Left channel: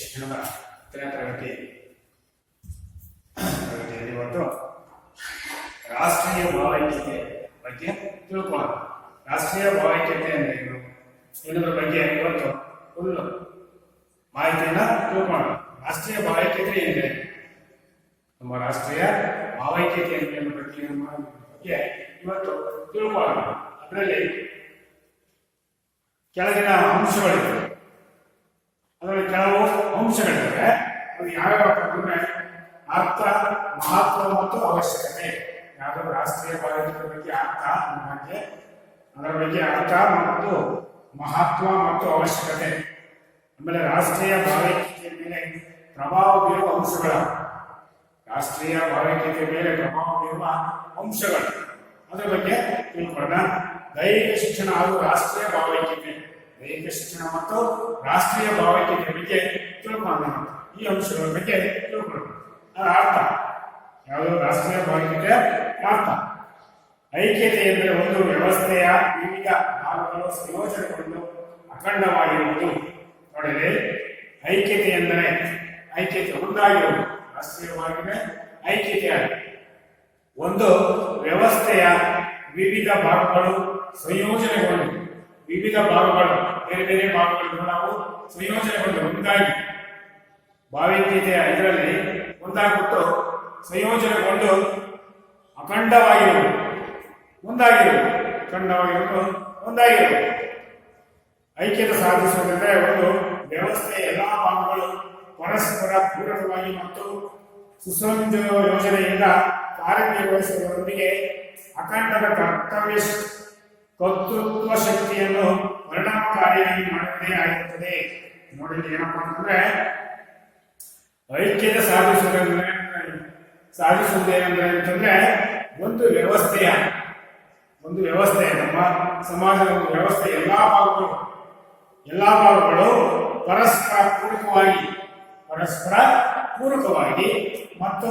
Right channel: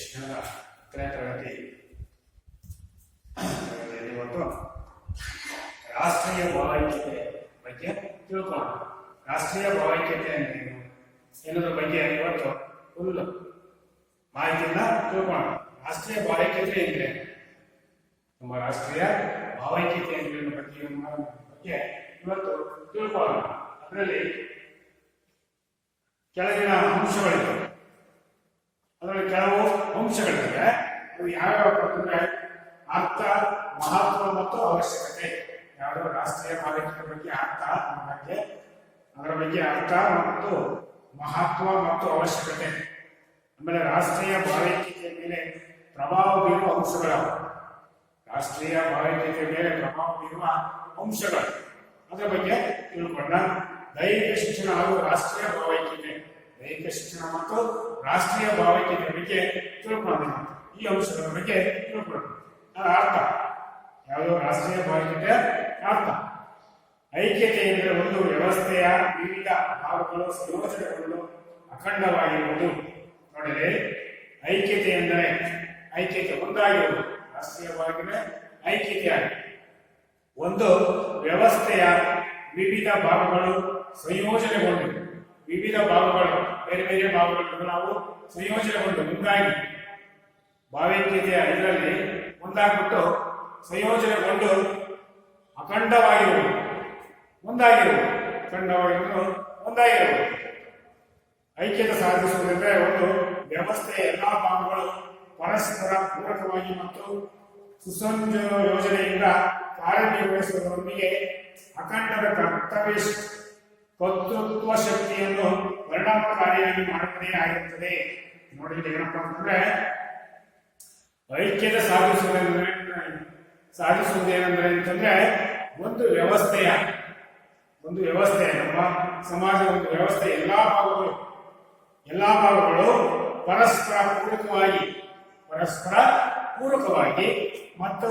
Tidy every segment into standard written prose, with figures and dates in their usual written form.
ಶಿಕ್ಷಣದ 10ನೇ ತರಗತಿಯಲ್ಲಿ ಇವತ್ತು ರಾಷ್ಟ್ರೀಯ ಭಾವೈಕ್ಯತೆ ಬಗ್ಗೆ ತಿಳ್ಕೊಳ್ಳೋಣ. ರಾಷ್ಟ್ರೀಯ ಭಾವೈಕ್ಯತೆ ಅಂದ್ರೆ ಏನು ಎನ್ನುವುದರ ಬಗ್ಗೆ ಇವತ್ತು ಫುಲ್ ಮಾಹಿತಿಯನ್ನ ತಿಳ್ಕೊಳ್ಳೋಣ. ರಾಷ್ಟ್ರೀಯ ಭಾವೈಕ್ಯತೆ ಏನಿದೆ, ನಮ್ಮ ರಾಷ್ಟ್ರೀಯ ಭಾವೈಕ್ಯತೆ ಬಗ್ಗೆ ಇವತ್ತು ತಿಳ್ಕೊಳ್ಳೋಣ. ಅದರಲ್ಲಿ ಕೆಳಗಿನ ಅಂಶಗಳಿವೆ, ಅದರಲ್ಲಿ ಕೆಲವು ಅಂಶಗಳಿವೆ. ಅದು ಯಾವ್ಯಾವ ಅಂದ್ರೆ ಅರ್ಥ, ಮಹತ್ವ ಮತ್ತು ಅವಶ್ಯಕತೆ. ಯಾವುದೋ ರಾಷ್ಟ್ರೀಯ ಭಾವೈಕ್ಯತೆ ಬಗ್ಗೆ ಅರ್ಥ ಬಗ್ಗೆ, ಅದರ ಬಗ್ಗೆ ಅರ್ಥ ಮತ್ತು ಮಹತ್ವ ಮತ್ತು ಅವಶ್ಯಕತೆ. ಆಮೇಲೆ ರಾಷ್ಟ್ರೀಯ ಭಾವೈಕ್ಯತೆಯ ಮೇಲೆ ಪ್ರಭಾವ ಬೀರುವ ಅಂಶಗಳು, ರಾಷ್ಟ್ರೀಯ ಭಾವೈಕ್ಯತೆಯ ಮೇಲೆ ಪ್ರಭಾವ ಬೀರುವ ಅಂಶಗಳು, ಅದರ ಬಗ್ಗೆ ತಿಳ್ಕೊಳ್ಳೋಣ. ದೈಹಿಕ ಶಿಕ್ಷಣ ಹಾಗೂ ರಾಷ್ಟ್ರೀಯ ಭಾವೈಕ್ಯತೆ, ದೈಹಿಕ ಶಿಕ್ಷಣ ಮತ್ತು ರಾಷ್ಟ್ರೀಯ ಭಾವೈಕ್ಯತೆ ಬಗ್ಗೆ ತಿಳ್ಕೊಳ್ಳೋಣ. ಈ ಅಂಶಗಳ ಬಗ್ಗೆ ತಿಳ್ಕೊಳ್ಳೋಣ. ಅದರ ಅರ್ಥ ಯಾವುದು? ರಾಷ್ಟ್ರೀಯ ಭಾವೈಕ್ಯತೆಯ ಅರ್ಥ. ಐಕ್ಯತೆ ಎಂದರೆ ಒಂದು ವ್ಯವಸ್ಥೆಯ ವಿವಿಧ ಭಾಗಗಳು ಸಂಯೋಜನೆಗೊಂಡು ಅಖಂಡವಾಗಿರುವುದು. ನೋಡಿದ್ರೆ ಐಕ್ಯತೆ ಎಂದರೆ ಐಕ್ಯತೆ ಒಂದಾಗಿರುವುದು. ರಾಷ್ಟ್ರೀಯವಾಗಿ ಐಕ್ಯತೆಯಾಗಿದೆ. ಒಂದು ವ್ಯವಸ್ಥೆಯ ವಿವಿಧ ಭಾಗಗಳು ಸಂಯೋಜನೆಗೊಂಡು, ವಿವಿಧ ಭಾಗಗಳು ಬೇರೆ ಬೇರೆ ಭಾಗಗಳನ್ನು ನಾವು ಸಂಯೋಜನೆಗೊಂಡು ಒಂದಾಗಿ, ಭಾವೈಕ್ಯತೆಯ ಇದರಲ್ಲಿ ಒಂದಾಗ್ಬಿಟ್ಟು ಸಂಯೋಜನೆಗೊಂಡು ಅಖಂಡವಾಗಿರುವುದು, ಒಂದಾಗಿರುವುದು, ಅಖಂಡವಾಗಿರುವುದು, ಒಂದಾಗಿರುವುದು. ಐಕ್ಯತೆ ಸಾಧಿಸುವುದೆಂದರೆ ಒಂದು ವ್ಯವಸ್ಥೆಯ ಎಲ್ಲಾ ಭಾಗಗಳು ಪರಸ್ಪರ ಪೂರಕವಾಗಿ ಮತ್ತು ಸುಸಂಯೋಜನೆಯಿಂದ ಕಾರ್ಯನಿರ್ವಹಿಸುವುದರೊಂದಿಗೆ ಅಖಂಡದ ಕರ್ತೃತ್ವ ಶಕ್ತಿಯನ್ನು ಪರಿಣಾಮಕಾರಿಯಾಗಿ ಮಾಡುವುದೇ ಆಗಿರುತ್ತದೆ. ನೋಡಿದ್ರೆ ಏನಪ್ಪಾ ಅಂತಂದ್ರೆ, ಐಕ್ಯತೆ ಸಾಧಿಸುವುದೇನೆಂದರೆ ಅಂತಂದ್ರೆ ಒಂದು ವ್ಯವಸ್ಥೆ, ನಮ್ಮ ಸಮಾಜದ ಒಂದು ವ್ಯವಸ್ಥೆ ಎಲ್ಲಾ ಭಾಗಗಳು ಪರಸ್ಪರ ಪೂರಕವಾಗಿ ಮತ್ತು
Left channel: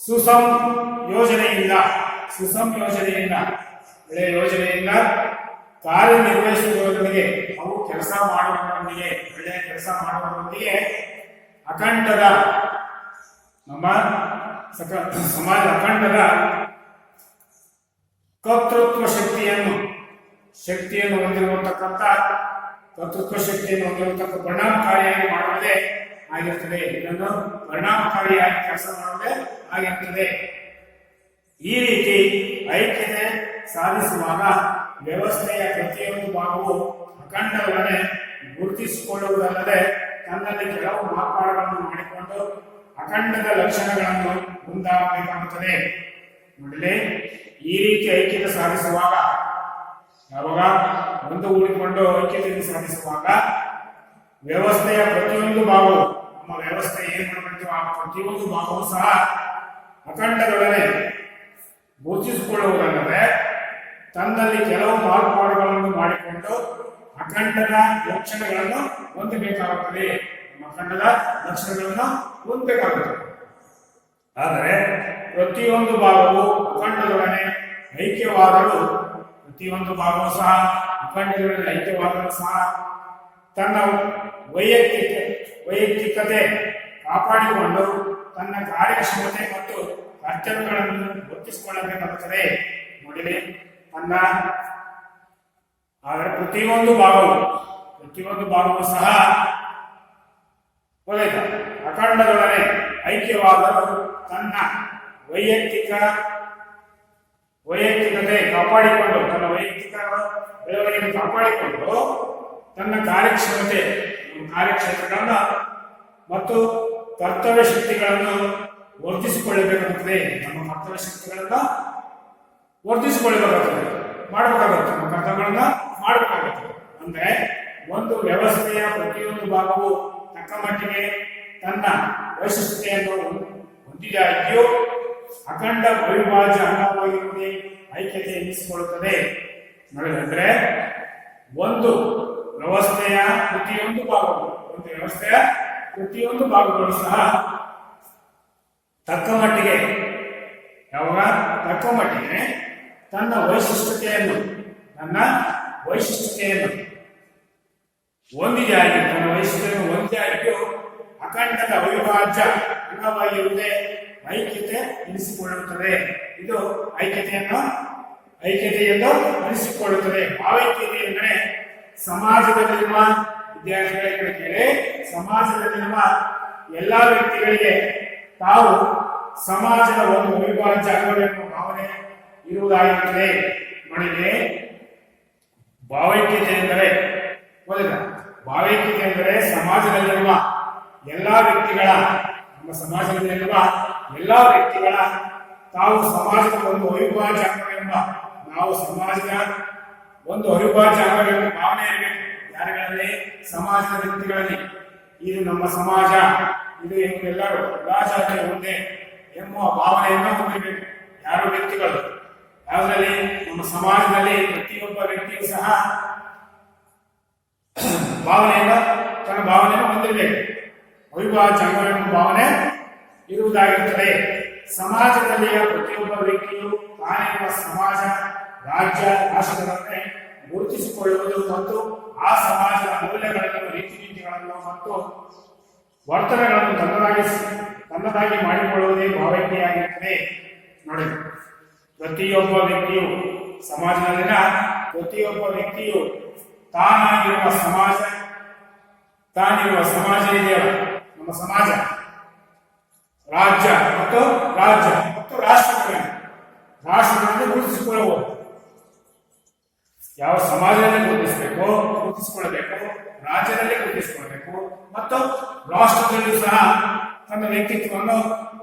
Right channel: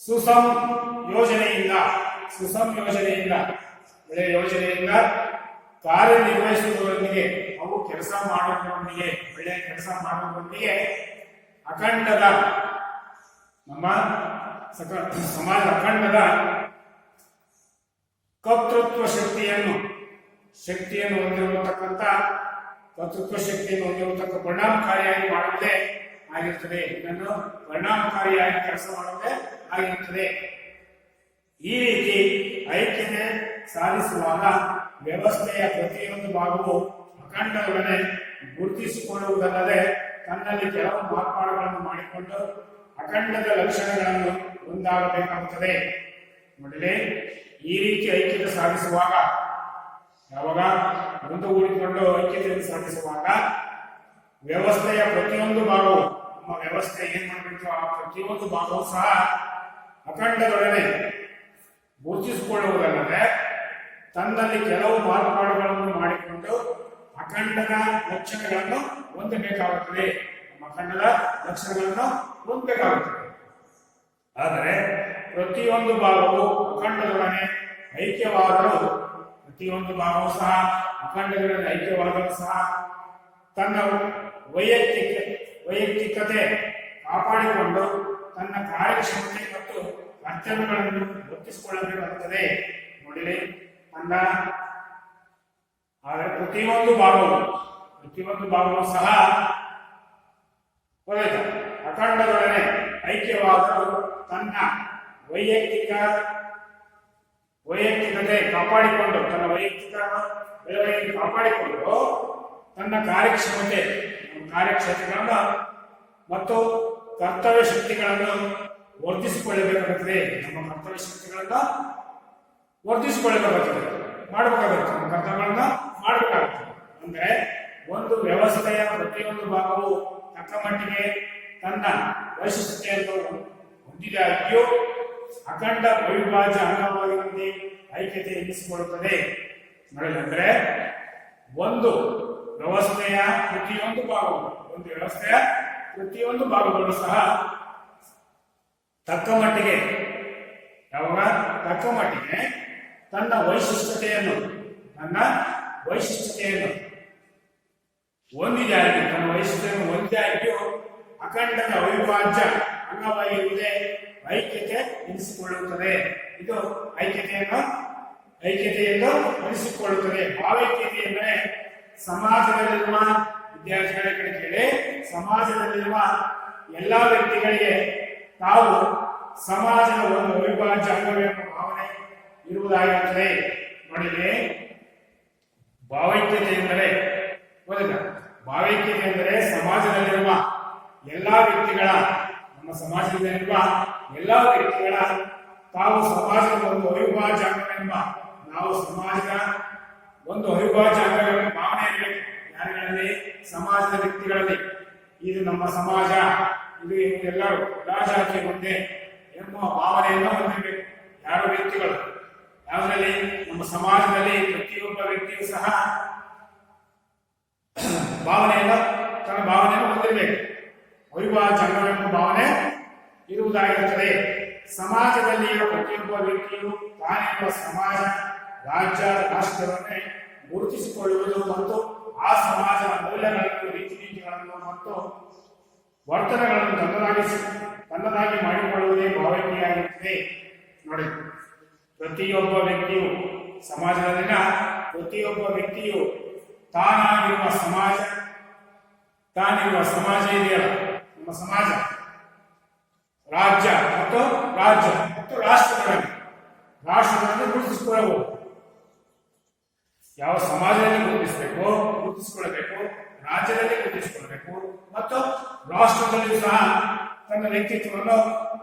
ಸುಸಂಯೋಜನೆಯಿಂದ ಕಾರ್ಯನಿರ್ವಹಿಸುವುದರೊಂದಿಗೆ, ಅವು ಕೆಲಸ ಮಾಡುವುದರೊಂದಿಗೆ, ಒಳ್ಳೆಯ ಕೆಲಸ ಮಾಡುವುದರೊಂದಿಗೆ ಅಖಂಡದ, ನಮ್ಮ ಸಮಾಜ ಅಖಂಡದ ಕರ್ತೃತ್ವ ಶಕ್ತಿಯನ್ನು ಹೊಂದಿರತಕ್ಕಂಥ ಕರ್ತೃತ್ವ ಶಕ್ತಿಯನ್ನು ಹೊಂದಿರತಕ್ಕ ಪರಿಣಾಮಕಾರಿಯಾಗಿ ಮಾಡುವುದೇ ಆಗಿರುತ್ತದೆ. ಇದನ್ನು ಪರಿಣಾಮಕಾರಿಯಾಗಿ ಕೆಲಸ ಮಾಡುವುದೇ ಆಗಿರುತ್ತದೆ. ಈ ರೀತಿ ಐಕ್ಯತೆ ಸಾಧಿಸುವಾಗ ವ್ಯವಸ್ಥೆಯ ಪ್ರತಿಯೊಂದು ಭಾಗವು ಅಖಂಡಗಳನ್ನೇ ಗುರುತಿಸಿಕೊಳ್ಳುವುದಲ್ಲದೆ ತನ್ನಲ್ಲಿ ಕೆಲವು ಮಾರ್ಪಾಡುಗಳನ್ನು ಮಾಡಿಕೊಂಡು ಅಖಂಡದ ಲಕ್ಷಣಗಳನ್ನು ಹೊಂದಬೇಕಾಗುತ್ತದೆ. ನೋಡಲಿ, ಈ ರೀತಿ ಐಕ್ಯತೆ ಸಾಧಿಸುವಾಗ, ಯಾವಾಗ ಒಂದು ಕೂಡಿಕೊಂಡು ಐಕ್ಯತೆಯನ್ನು ಸಾಧಿಸುವಾಗ ವ್ಯವಸ್ಥೆಯ ಪ್ರತಿಯೊಂದು ಭಾಗವು, ನಮ್ಮ ವ್ಯವಸ್ಥೆ ಏನ್ ಮಾಡಬೇಕು, ಆ ಪ್ರತಿಯೊಂದು ಭಾಗವೂ ಸಹ ಅಖಂಡದೊಡನೆ ಗುರುತಿಸಿಕೊಳ್ಳುವುದಲ್ಲದೆ ತನ್ನಲ್ಲಿ ಕೆಲವು ಮಾರ್ಪಾಡುಗಳನ್ನು ಮಾಡಿಕೊಂಡು ಅಖಂಡದ ಲಕ್ಷಣಗಳನ್ನು ಹೊಂದಬೇಕಾಗುತ್ತದೆ. ಅಖಂಡದ ಲಕ್ಷಣಗಳನ್ನು ಹೊಂದಬೇಕಾಗುತ್ತದೆ. ಆದರೆ ಪ್ರತಿಯೊಂದು ಭಾಗವು ಅಖಂಡದೊಡನೆ ಐಕ್ಯವಾದರೂ, ಪ್ರತಿಯೊಂದು ಭಾಗವೂ ಸಹ ಅಖಂಡದೊಡನೆ ಐಕ್ಯವಾದರೂ ಸಹ ತನ್ನ ವೈಯಕ್ತಿಕತೆ ಕಾಪಾಡಿಕೊಂಡು ತನ್ನ ಕಾರ್ಯಕ್ಷಮತೆ ಮತ್ತು ಕರ್ತವ್ಯಗಳನ್ನು ವರ್ತಿಸಿಕೊಳ್ಳಬೇಕಾಗುತ್ತದೆ. ನೋಡಿಲಿ, ಆದರೆ ಪ್ರತಿಯೊಂದು ಭಾಗವೂ ಸಹ ಅಖಂಡದೊಡನೆ ಐಕ್ಯವಾದರೂ ತನ್ನ ವೈಯಕ್ತಿಕತೆ ಕಾಪಾಡಿಕೊಂಡು, ತನ್ನ ವೈಯಕ್ತಿಕ ಬೆಳವಣಿಗೆಯನ್ನು ಕಾಪಾಡಿಕೊಂಡು ತನ್ನ ಕಾರ್ಯಕ್ಷೇತ್ರಗಳನ್ನು ಮತ್ತು ಕರ್ತವ್ಯ ಶಕ್ತಿಗಳನ್ನು ವರ್ಧಿಸಿಕೊಳ್ಳಬೇಕಾಗುತ್ತದೆ. ನಮ್ಮ ಕರ್ತವ್ಯ ಶಕ್ತಿಗಳನ್ನ ವರ್ಧಿಸಿಕೊಳ್ಳಬೇಕಾಗುತ್ತದೆ, ಮಾಡಬೇಕಾಗುತ್ತೆ, ನಮ್ಮ ಕರ್ತವ್ಯಗಳನ್ನ ಮಾಡಬೇಕಾಗುತ್ತದೆ. ಅಂದ್ರೆ ಒಂದು ವ್ಯವಸ್ಥೆಯ ಪ್ರತಿಯೊಂದು ಭಾಗವು ತಕ್ಕ ಮಟ್ಟಿಗೆ ತನ್ನ ವೈಶಿಷ್ಟ್ಯತೆಯನ್ನು ಹೊಂದಿದಾಗಿಯೂ ಅಖಂಡ ಅವಿಭಾಜ್ಯ ಅಂಗವಾಗಿರುವುದೇ ಐಕ್ಯತೆ ಎನ್ನಿಸಿಕೊಳ್ಳುತ್ತದೆ. ನೋಡಿದ್ರೆ ಒಂದು ವ್ಯವಸ್ಥೆಯ ಪ್ರತಿಯೊಂದು ಭಾಗಗಳು ಸಹ ತಕ್ಕ ಮಟ್ಟಿಗೆ ತನ್ನ ವೈಶಿಷ್ಟ್ಯತೆಯನ್ನು ಒಂದಿದಾಗಿ ತನ್ನ ವೈಶಿಷ್ಟ್ಯವನ್ನು ಒಂದಾಗಿಯೂ ಅಖಂಡದ ಅವಿಭಾಜ್ಯ ಅಂಗವಾಗಿರುವುದೇ ಐಕ್ಯತೆ ಎನಿಸಿಕೊಳ್ಳುತ್ತದೆ. ಇದು ಐಕ್ಯತೆಯನ್ನು ಅನಿಸಿಕೊಳ್ಳುತ್ತದೆ. ಭಾವೈಕ್ಯತೆ ಎಂದರೆ ಸಮಾಜದಲ್ಲಿರುವ ವಿದ್ಯಾರ್ಥಿಗಳಿಗೆ ಕೇಳಿ, ಸಮಾಜದಲ್ಲಿರುವ ಎಲ್ಲಾ ವ್ಯಕ್ತಿಗಳಿಗೆ ತಾವು ಸಮಾಜದ ಒಂದು ಅವಿಭಾಜ್ಯ ಅಂಗವೆಂಬ ಭಾವನೆ ಇರುವುದಾಗಿರುತ್ತದೆ. ನೋಡಿ, ಭಾವೈಕ್ಯತೆ ಎಂದರೆ ಭಾವೈಕ್ಯತೆ ಎಂದರೆ ಸಮಾಜದಲ್ಲಿರುವ ಎಲ್ಲಾ ವ್ಯಕ್ತಿಗಳ, ನಮ್ಮ ಸಮಾಜದಲ್ಲಿರುವ ಎಲ್ಲಾ ವ್ಯಕ್ತಿಗಳ ತಾವು ಸಮಾಜದ ಒಂದು ಅವಿಭಾಜ್ಯ ಅಂಗವೆಂಬ, ನಾವು ಸಮಾಜದ ಒಂದು ಅವಿಭಾಜ್ಯ ಅಂಗವೆಂಬ ಭಾವನೆ ಇರಬೇಕು. ಯಾರಿಗಳಲ್ಲಿ? ಸಮಾಜದ ವ್ಯಕ್ತಿಗಳಲ್ಲಿ. ಇದು ನಮ್ಮ ಸಮಾಜ, ಇದು ಎಲ್ಲರೂ ಎಲ್ಲಾ ಜಾತಿ ಒಂದೇ ಎಂಬ ಭಾವನೆಯನ್ನು ಹೊಂದಿರಬೇಕು. ಯಾರು? ವ್ಯಕ್ತಿಗಳು. ಯಾವುದರಲ್ಲಿ? ನಮ್ಮ ಸಮಾಜದಲ್ಲಿ ಪ್ರತಿಯೊಬ್ಬ ವ್ಯಕ್ತಿಯೂ ಸಹ ತನ್ನ ಭಾವನೆಯನ್ನು ಹೊಂದಿರಬೇಕು. ಅವಿಭಾಜ್ಯ ಅಂಗವೆಂಬ ಭಾವನೆ ಇರುವುದಾಗಿರುತ್ತದೆ. ಸಮಾಜದಲ್ಲಿಯ ಪ್ರತಿಯೊಬ್ಬ ವ್ಯಕ್ತಿಯು ತಾನಿರುವ ಸಮಾಜ, ರಾಜ್ಯ, ರಾಷ್ಟ್ರವನ್ನೇ ಗುರುತಿಸಿಕೊಳ್ಳುವುದು ಮತ್ತು ಆ ಸಮಾಜದ ಮೌಲ್ಯಗಳನ್ನು, ರೀತಿ ನೀತಿಗಳನ್ನು ಮತ್ತು ವರ್ತನೆಗಳನ್ನು ತನ್ನದಾಗಿ ಮಾಡಿಕೊಳ್ಳುವುದೇ ಭಾವೈಕ್ಯತೆಯಾಗಿರುತ್ತದೆ. ನೋಡಿ, ಪ್ರತಿಯೊಬ್ಬ ವ್ಯಕ್ತಿಯು, ಸಮಾಜದಲ್ಲಿನ ಪ್ರತಿಯೊಬ್ಬ ವ್ಯಕ್ತಿಯು ತಾನಿರುವ ಸಮಾಜ ಇದೆಯಲ್ಲ, ನಮ್ಮ ಸಮಾಜ, ರಾಜ್ಯ ಮತ್ತು ರಾಷ್ಟ್ರಗಳನ್ನು ಗುರುತಿಸಿಕೊಳ್ಳಬಹುದು. ಯಾವ ಸಮಾಜದಲ್ಲಿ ಗುರುತಿಸಿಕೊಳ್ಳಬೇಕು, ರಾಜ್ಯದಲ್ಲಿ ಗುರುತಿಸಿಕೊಳ್ಳಬೇಕು ಮತ್ತು ರಾಷ್ಟ್ರದಲ್ಲಿಯೂ ಸಹ ತನ್ನ ವ್ಯಕ್ತಿತ್ವವನ್ನು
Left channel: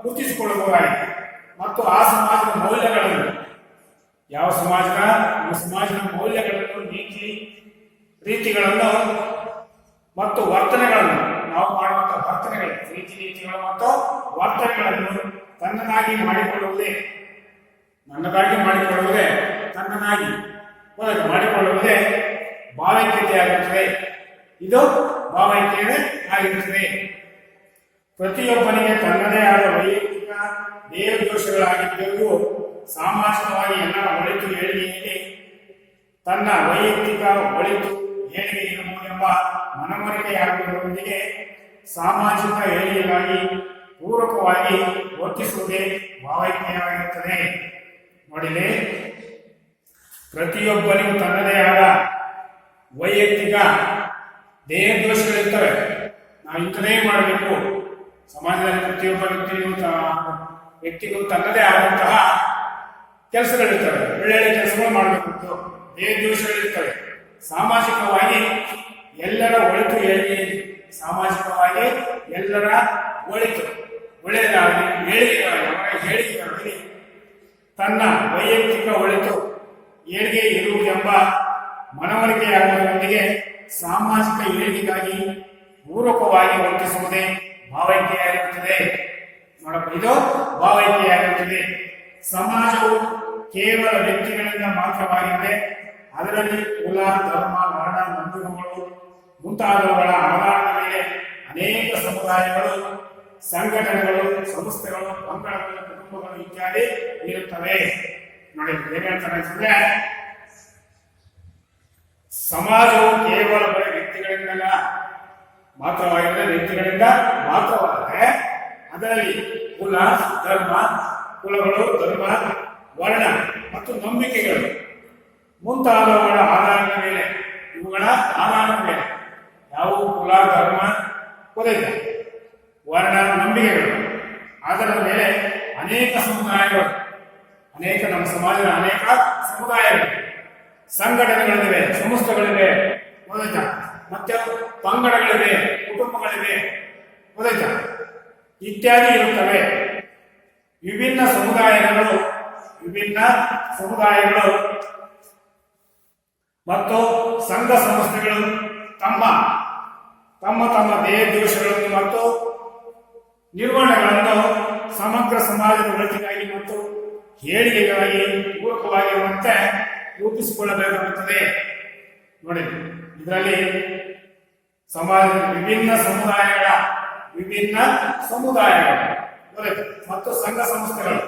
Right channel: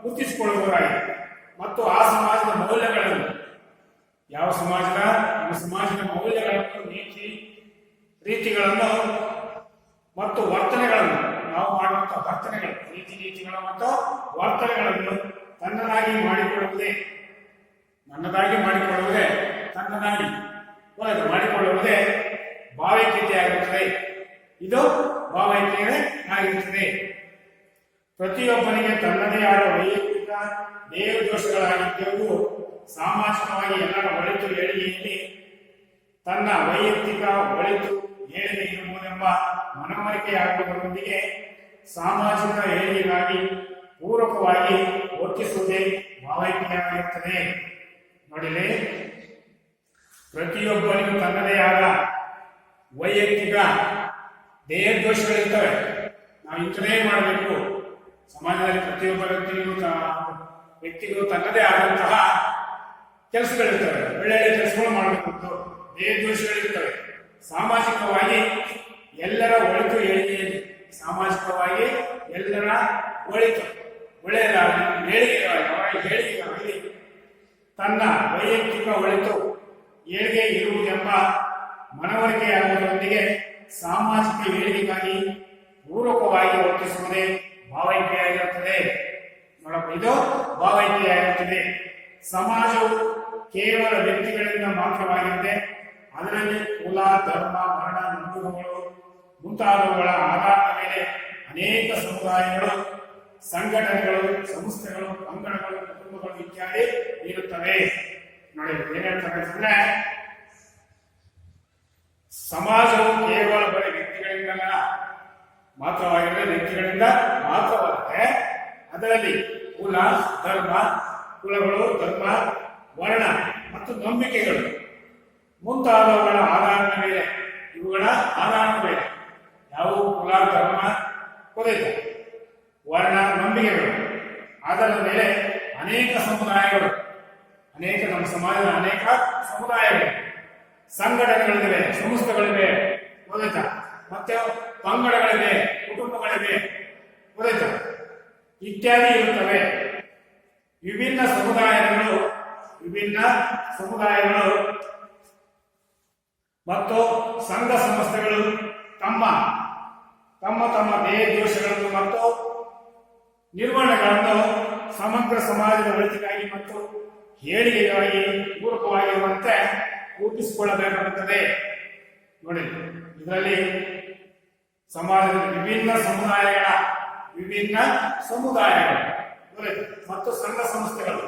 ಗುರುತಿಸಿಕೊಳ್ಳಬಹುದಾಗಿದೆ. ಮತ್ತು ಆ ಸಮಾಜದ ಮೌಲ್ಯಗಳನ್ನು, ಯಾವ ಸಮಾಜದ, ನಮ್ಮ ಸಮಾಜದ ಮೌಲ್ಯಗಳನ್ನು, ನೀತಿ ರೀತಿಗಳನ್ನು ಮತ್ತು ವರ್ತನೆಗಳನ್ನು, ನಾವು ಮಾಡುವಂತಹ ವರ್ತನೆಗಳು, ರೀತಿ ನೀತಿಗಳು ಮತ್ತು ವರ್ತನೆಗಳನ್ನು ತನ್ನದಾಗಿ ಮಾಡಿಕೊಳ್ಳುವುದೇ ಭಾವೈಕ್ಯತೆ ಆಗಿರುತ್ತದೆ. ಇದು ಭಾವೈಕ್ಯತೆ ಆಗಿರುತ್ತದೆ. ಪ್ರತಿಯೊಬ್ಬನಿಗೆ ತನ್ನದೇ ಆದ ವೈಯಕ್ತಿಕ ದೇಹ ದೋಷಗಳಾಗಿದ್ದು ಸಾಮಾಜಿಕವಾಗಿ ಎಲ್ಲರ ಒಳಿತು ಏಳಿಗೆಯಲ್ಲಿ ತನ್ನ ವೈಯಕ್ತಿಕ ಒಳಿತು ಏಳಿಗೆ ಇರಬಹುದೆಂಬ ಮನವರಿಕೆಯಾಗುವುದರೊಂದಿಗೆ ಸಾಮಾಜಿಕ ಏಳಿಗೆಗಾಗಿ ಪೂರಕವಾಗಿ ವರ್ತಿಸುವುದೇ ಭಾವೈಕ್ಯವಾಗಿರುತ್ತದೆ. ನೋಡಿಲಿ, ಪ್ರತಿಯೊಬ್ಬನಿಗೂ ತನ್ನದೇ ಆದ ವೈಯಕ್ತಿಕ ದೇಹ ದೋಷಗಳಿರ್ತವೆ. ನಾವು ಇಂಥದೇ ಮಾಡಬೇಕು. ಸಮಾಜದಲ್ಲಿ ಪ್ರತಿಯೊಬ್ಬ ವ್ಯಕ್ತಿಗೂ ತನ್ನದೇ ಆದಂತಹ ಕೆಲಸಗಳಿರ್ತವೆ. ಒಳ್ಳೆಯ ಕೆಲಸಗಳು ಮಾಡಬೇಕು. ದೇಹ ದೋಷಗಳಿರ್ತವೆ. ಸಾಮಾಜಿಕವಾಗಿ ಎಲ್ಲರ ಒಳಿತು ಏಳಿಗೆಯಲ್ಲಿ, ಸಾಮಾಜಿಕವಾಗಿ ಎಲ್ಲರ ಒಳಿತು ಒಳ್ಳೆಯದಾಗಲಿ, ಏಳಿಗೆಯಾಗಲಿ ತನ್ನ ವೈಯಕ್ತಿಕ ಒಳಿತು ಏಳಿಗೆ ಇರುವುದೆಂಬ ಮನವರಿಕೆಯಾಗುವುದರೊಂದಿಗೆ ಸಾಮಾಜಿಕ ಏಳಿಗೆಗಾಗಿ ಪೂರಕವಾಗಿ ವರ್ತಿಸುವುದೇ ಭಾವೈಕ್ಯವಾಗಿರುತ್ತದೆ. ನೋಡಪ್ಪ, ಇದು ಭಾವೈಕ್ಯವಾಗಿರುತ್ತದೆ. ಸಮಾಜವು ಕೇವಲ ವ್ಯಕ್ತಿಗಳಿಂದ ಮಾತ್ರವಾಗಿದ್ದೆ ಅದರಲ್ಲಿ ಕುಲ, ಧರ್ಮ, ವರ್ಣ, ನಂಬಿಕೆಗಳು ಮುಂತಾದವುಗಳ ಆಧಾರದ ಮೇಲೆ ಅನೇಕ ಸಮುದಾಯಗಳು, ಸಂಘಟನೆಗಳು, ಸಂಸ್ಥೆಗಳು, ಪಂಗಡಗಳು, ಕುಟುಂಬಗಳು ಇತ್ಯಾದಿ ಇರುತ್ತವೆ. ನೋಡಿ, ಏನ್ ಹೇಳ್ತಾರೆ ಅಂತಂದ್ರೆ, ಸಮಾಜವು ಕೇವಲ ಬರೀ ವ್ಯಕ್ತಿಗಳಿಂದ ಮಾತ್ರವಾದರೆ ಅದರಲ್ಲಿ ಕುಲಗಳು, ಧರ್ಮ, ವರ್ಣ ಮತ್ತು ನಂಬಿಕೆಗಳು ಮುಂತಾದವುಗಳ ಆಧಾರದ ಮೇಲೆ, ಇವುಗಳ ಆಧಾರದ ಮೇಲೆ, ಯಾವುವು? ಕುಲ, ಧರ್ಮ, ವರ್ಣ, ನಂಬಿಕೆಗಳು ಆಧಾರದ ಮೇಲೆ ಅನೇಕ ಸಮುದಾಯಗಳು, ನಮ್ಮ ಸಮಾಜದ ಅನೇಕ ಸಮುದಾಯಗಳು, ಸಂಘಟನೆಗಳಿವೆ, ಸಂಸ್ಥೆಗಳಿವೆ, ಮತ್ತೆ ಪಂಗಡಗಳಿವೆ, ಕುಟುಂಬಗಳಿವೆ, ಇತ್ಯಾದಿ ಇರುತ್ತವೆ. ವಿಭಿನ್ನ ಸಮುದಾಯಗಳು ಮತ್ತು ಸಂಘ ಸಂಸ್ಥೆಗಳು ತಮ್ಮ ದೇಹ ದೋಷಗಳನ್ನು ಮತ್ತು ನಿರ್ವಹಣೆಗಳನ್ನು ಸಮಗ್ರ ಸಮಾಜದ ಒಳಿತಿಗಾಗಿ ಮತ್ತು ಏಳಿಗೆಗಾಗಿ ಪೂರಕವಾಗಿರುವಂತೆ ರೂಪಿಸಿಕೊಳ್ಳಬೇಕಾಗುತ್ತದೆ. ನೋಡಿ, ಇದರಲ್ಲಿ ಸಮಾಜದ ವಿಭಿನ್ನ ಸಮುದಾಯಗಳು ಮತ್ತು ಸಂಘ ಸಂಸ್ಥೆಗಳು,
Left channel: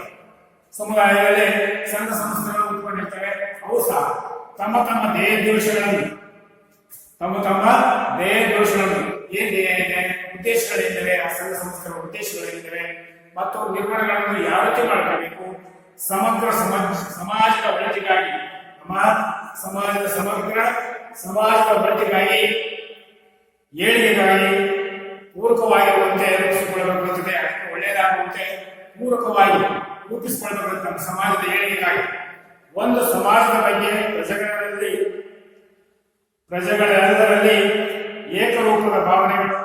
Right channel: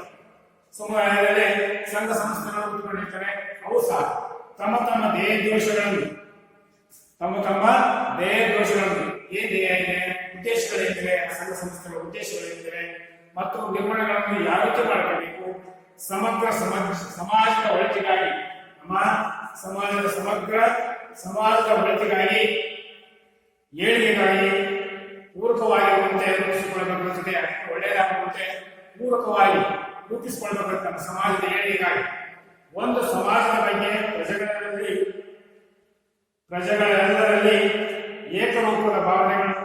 ಸಮುದಾಯಗಳಲ್ಲಿ ಸಂಘ ಸಂಸ್ಥೆಗಳು ಉತ್ಪತ್ತಿರ್ತವೆ. ಅವು ಸಹ ತಮ್ಮ ದೇಹ ಘೋಷಣೆಗಳು ಏನ್ ಧ್ಯೇಯ ಇದೆ, ಉದ್ದೇಶಗಳೇನಿವೆ, ಆ ಸಂಘ ಸಂಸ್ಥೆಗಳ ಉದ್ದೇಶಗಳೇನಿವೆ ಮತ್ತು ನಿರ್ವಹಣೆಗಳನ್ನು ಯಾವ ರೀತಿ ಮಾಡ್ಕೋಬೇಕು, ಸಮಗ್ರ ಸಮಾಜದ ಒಳಿತಿಗಾಗಿ, ನಮ್ಮ ಸಮಾಜದ ಸಮಾಜದ ಒಳಿತಿಗಾಗಿ, ಏಳಿಗೆಗಾಗಿ ಪೂರಕವಾಗಿರುವಂತೆ ರೂಪಿಸಿಕೊಳ್ಳಬೇಕಾಗುತ್ತದೆ. ಅದಕ್ಕೆ ಒಳ್ಳೆಯದಾಗುವಂತೆ ಪೂರಕವಾಗಿ ರೂಪಿಸಿಕೊಳ್ಳಬೇಕಾಗುತ್ತೆ. ನಮ್ಮ ಸಮಾಜದ ಏಳಿಗೆಗಾಗಿ ಒಂದು ಸಮಾಜದ ಬಗ್ಗೆ ಪ್ರಜೆಗಳೆಲ್ಲರಲ್ಲಿ ಏಕರೂಪದ ಭಾವನೆಗಳು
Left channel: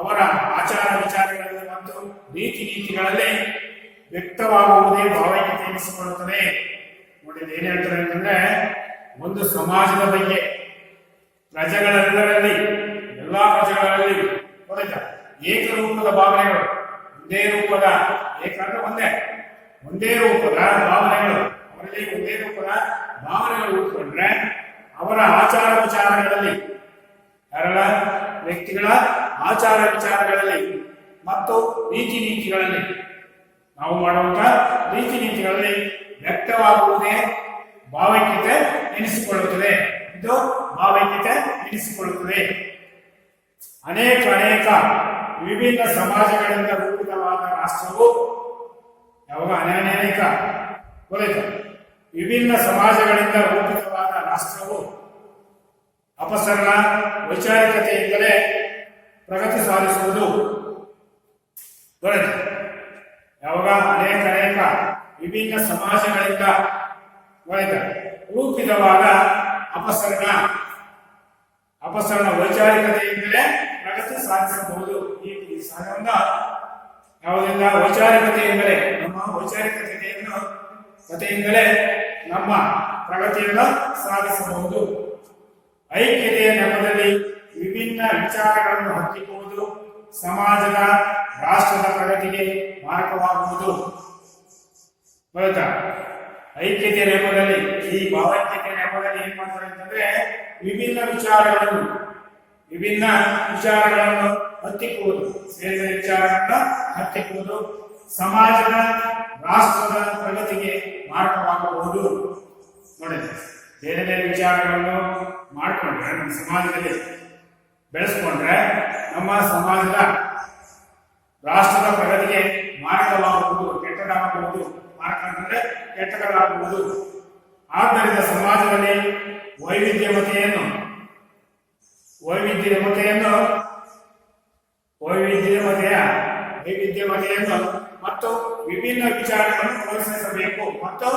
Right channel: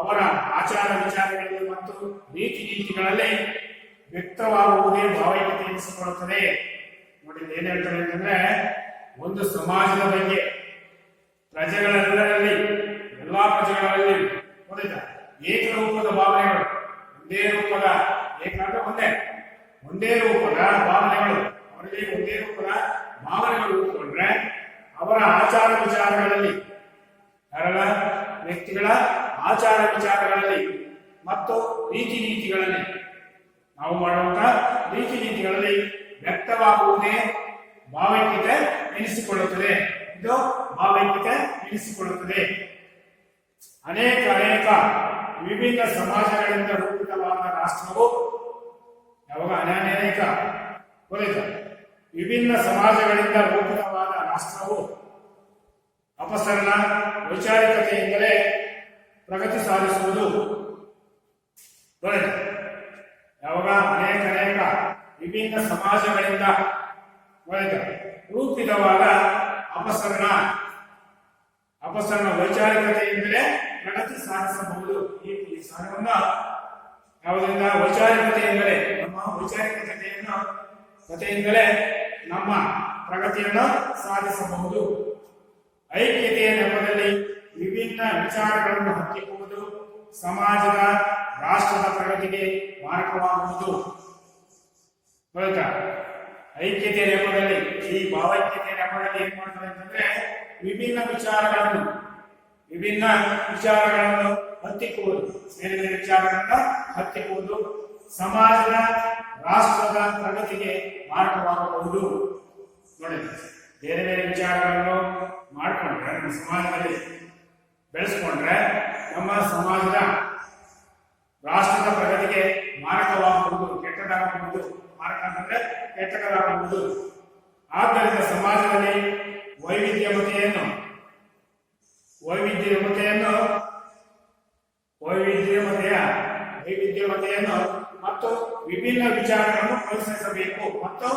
ಅವರ ಆಚಾರ ವಿಚಾರಗಳಲ್ಲಿ ಮತ್ತು ರೀತಿ ನೀತಿಗಳಲ್ಲಿ ವ್ಯಕ್ತವಾಗುವುದೇ ಭಾವೈಕ್ಯತೆ ಎನಿಸಿಕೊಳ್ಳುತ್ತದೆ. ನೋಡಿ, ಏನ್ ಹೇಳ್ತಾರೆ ಅಂತಂದ್ರೆ, ಒಂದು ಸಮಾಜದ ಬಗ್ಗೆ ಪ್ರಜೆಗಳೆಲ್ಲರಲ್ಲಿ, ಎಲ್ಲಾ ಪ್ರಜೆಗಳಲ್ಲಿ ಗೊತ್ತಾಯ್ತಾ, ಏಕರೂಪದ ಭಾವನೆಗಳು, ಒಂದೇ ರೂಪದ, ಏಕಂದ್ರೆ ಒಂದೇ ರೂಪದ ಭಾವನೆಗಳು, ಅವರಲ್ಲಿ ಒಂದೇ ರೂಪದ ಭಾವನೆಗಳು ಉಟ್ಕೊಂಡ್ರೆ ಅವರ ಆಚಾರ ವಿಚಾರಗಳಲ್ಲಿ, ಯಾರೆಲ್ಲ ವ್ಯಕ್ತಿಗಳ ಆಚಾರ ವಿಚಾರಗಳಲ್ಲಿ ಮತ್ತು ರೀತಿ ನೀತಿಗಳಲ್ಲಿ, ನಾವು ಮಾಡುವಂತಹ ರೀತಿ ನೀತಿಗಳಲ್ಲಿ ವ್ಯಕ್ತವಾಗುವುದೇ ಭಾವೈಕ್ಯತೆ ಎನಿಸಿಕೊಳ್ಳುತ್ತದೆ. ಇದು ಭಾವೈಕ್ಯತೆ ಎನಿಸಿಕೊಳ್ಳುತ್ತದೆ. ಅನೇಕ ವಿಭಿನ್ನ ಸಮಾಜಗಳಿಂದ ರೂಪಿತವಾದ ರಾಷ್ಟ್ರವು, ಯಾವಾಗ ಅನೇಕ ಗೊತ್ತಾಯ್ತು, ವಿಭಿನ್ನ ಸಮಾಜಗಳಿಂದ ರೂಪಿತವಾದ ರಾಷ್ಟ್ರವು ಅಪಸರಣ ವೈಚಾರಿಕತೆಯಿಂದಲೇ ಪ್ರಗತಿ ಸಾಧಿಸುವುದು. ಗೊತ್ತಾಯ್ತು, ಯಾವಾಗ ಅನೇಕ ವಿಭಿನ್ನ ಸಮಾಜಗಳಿಂದ ರೂಪಿತವಾದ ಅಪಸರಣ ವೈಚಾರಿಕತೆಯಿಂದಲೇ ಪ್ರಗತಿ ಸಾಧಿಸಬಹುದು. ಈ ಸಾಧನವನ್ನ ಯಾವುದರಿಂದ? ವೈಚಾರಿಕತೆಯಿಂದಲೇ, ನಮ್ಮ ವೈಚಾರಿಕತೆಯಿಂದಲೇ ನಮ್ಮ ಪ್ರಗತಿಯನ್ನು ಸಾಧಿಸಬಹುದು. ಐಕ್ಯತೆಯ ನೆಪದಲ್ಲಿ ವಿಭಿನ್ನ ವಿಚಾರಗಳನ್ನು ಹತ್ತಿಕ್ಕುವುದು ಸಮಾಜದ, ರಾಷ್ಟ್ರದ ಪ್ರಗತಿಗೆ ಮಾರಕವಾಗುವುದು. ಐಕ್ಯತೆಯ ನೆಪದಲ್ಲಿ, ಈ ಭಾವೈಕ್ಯತೆಯ ನೆಪದಲ್ಲಿ ಏನ್ ಮಾಡ್ತಾರೆ ಅಂತಂದ್ರೆ, ವಿಭಿನ್ನ ವಿಚಾರಗಳನ್ನು ಹತ್ತಿಕ್ಕುವುದು, ಸೇರಿದ ವಿಚಾರಗಳನ್ನು ಹತ್ತಿಕ್ಕುವುದು ಸಮಾಜದ, ರಾಷ್ಟ್ರದ ಪ್ರಗತಿಗೆ ಮಾರಕವಾಗಬಹುದು. ನೋಡಿ, ಬೇರೆ ವಿಚಾರಗಳನ್ನು ಮಾಡಿಕೊಂಡ್ರೆ, ನಮ್ಮ ಸಮಾಜದಲ್ಲಿ ಬೆಳೆಸ್ಕೊಂಡ್ರೆ ನಮ್ಮ ಸಮಾಜದ, ರಾಷ್ಟ್ರದ ಪ್ರಗತಿಗೆ ಮಾರಕವಾಗಬಹುದು, ಕೆಟ್ಟದಾಗಬಹುದು. ಮಾರಕ ಅಂತಂದ್ರೆ ಕೆಟ್ಟದಾಗಬಹುದು. ಆದ್ದರಿಂದ ಸಮಾಜದಲ್ಲಿ ವೈವಿಧ್ಯಮತೆಯನ್ನು ಮತ್ತು ವಿಭಿನ್ನ ವಿಚಾರಗಳನ್ನು ಪ್ರೋತ್ಸಾಹಿಸಬೇಕು ಮತ್ತು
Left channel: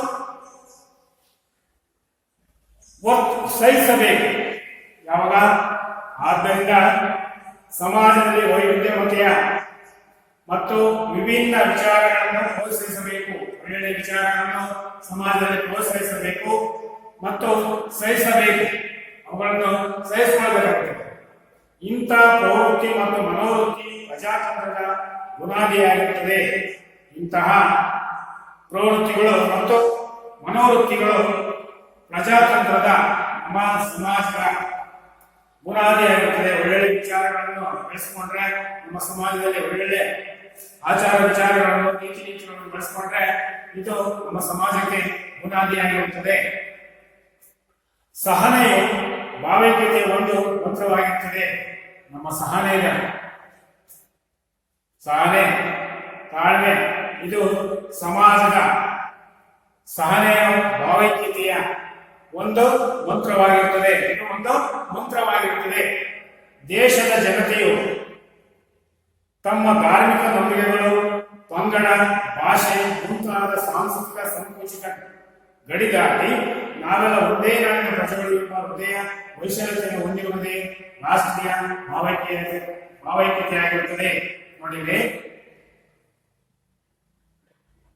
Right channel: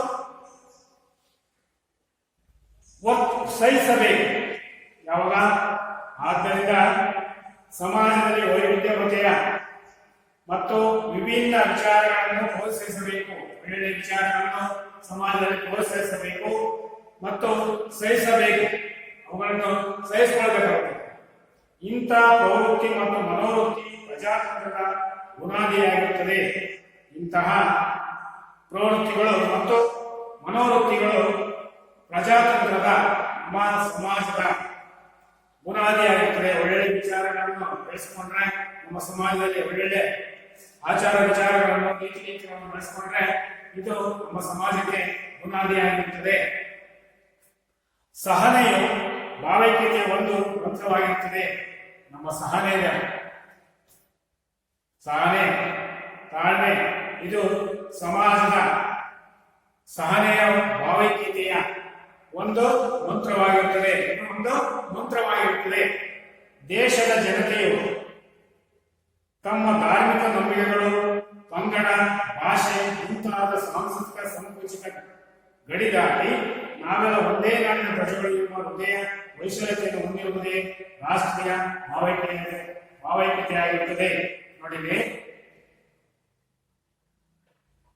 ಸಹಿಸಬೇಕು. ಯಾವಾಗ? ಆದ್ದರಿಂದ ಸಮಾಜದಲ್ಲಿ ವೈವಿಧ್ಯಮತೆಯ ಮತ್ತು ವಿಭಿನ್ನ ವಿಚಾರಗಳನ್ನು ಪ್ರೋತ್ಸಾಹಿಸಬೇಕು. ಒಳ್ಳೆಯ ವಿಚಾರಗಳನ್ನು ಸಮಾಜದಲ್ಲಿ ಪ್ರೋತ್ಸಾಹಿಸಬೇಕು ಮತ್ತು ಸಹಿಸಬೇಕು, ಅವುಗಳನ್ನು ಸಹಿಸಿಕೊಳ್ಳಬೇಕಾಗುತ್ತದೆ. ಇಂಥ ಪ್ರವೃತ್ತಿ ಮತ್ತು ಮನೋವೃತ್ತಿ ಪ್ರಜಾತಂತ್ರದ ಬುನಾದಿಯಾಗಿರುತ್ತದೆ. ಇಂತಹ ಪ್ರವೃತ್ತಿಗಳು ಮತ್ತು ಮನೋವೃತ್ತಿಗಳು ಪ್ರಜಾತಂತ್ರದ, ನಮ್ಮ ಸಮಾಜದ ಬುನಾದಿಯಾಗಿರುತ್ತದೆ. ಒಳ್ಳೆಯ ವಿಚಾರಗಳನ್ನು ಬೆಳೆಸಿಕೊಂಡ್ರೆ, ನಮ್ಮ ಸಮಾಜದಲ್ಲಿ ಒಳ್ಳೆಯ ಆಚಾರ ವಿಚಾರಗಳನ್ನು, ನೀತಿ ನೀತಿಗಳನ್ನು ಬೆಳೆಸಿಕೊಂಡ್ರೆ ಇದು ನಮ್ಮ ಸಮಾಜಕ್ಕೆ ಬುನಾದಿಯಾಗಿರುತ್ತದೆ. ಸಹನೆಯು ಭಾವೈಕ್ಯತೆ ಒಂದು ಮಂತ್ರವಾಗಿರುತ್ತದೆ. ನಮ್ಮ ಸಹನೆ, ತಾಳ್ಮೆ ಇದು ಸಮಾಜದ, ಸಹನೆಯ ಭಾವೈಕ್ಯತೆಯ ಒಂದು ಮಂತ್ರವಾಗಿರುತ್ತದೆ. ಇದು ಒಂದು ಮಂತ್ರವಾಗಿರುತ್ತದೆ. ದೇಶದ ಜನತೆಯು ತಮ್ಮ ಧಾರ್ಮಿಕ ನಂಬಿಕೆಗಳು, ಪಂಗಡ, ಭಾಷೆ ಮುಂತಾದ ಸಾಂಸ್ಕೃತಿಕ ಸಂಕುಚಿತ ಗಡಿದಾಟಿ ನಾವೆಲ್ಲ ಒಂದೇ ನಾಡಿನ ಪ್ರಜೆಗಳು ಎಂಬ ಹೃದಯ ವೈಶಾಲ್ಯತೆಯನ್ನು ಹೊಂದಿರುವುದೇ ರಾಷ್ಟ್ರೀಯ ಭಾವೈಕ್ಯತೆಯಾಗಿರುತ್ತದೆ. ನೋಡಿರಿ,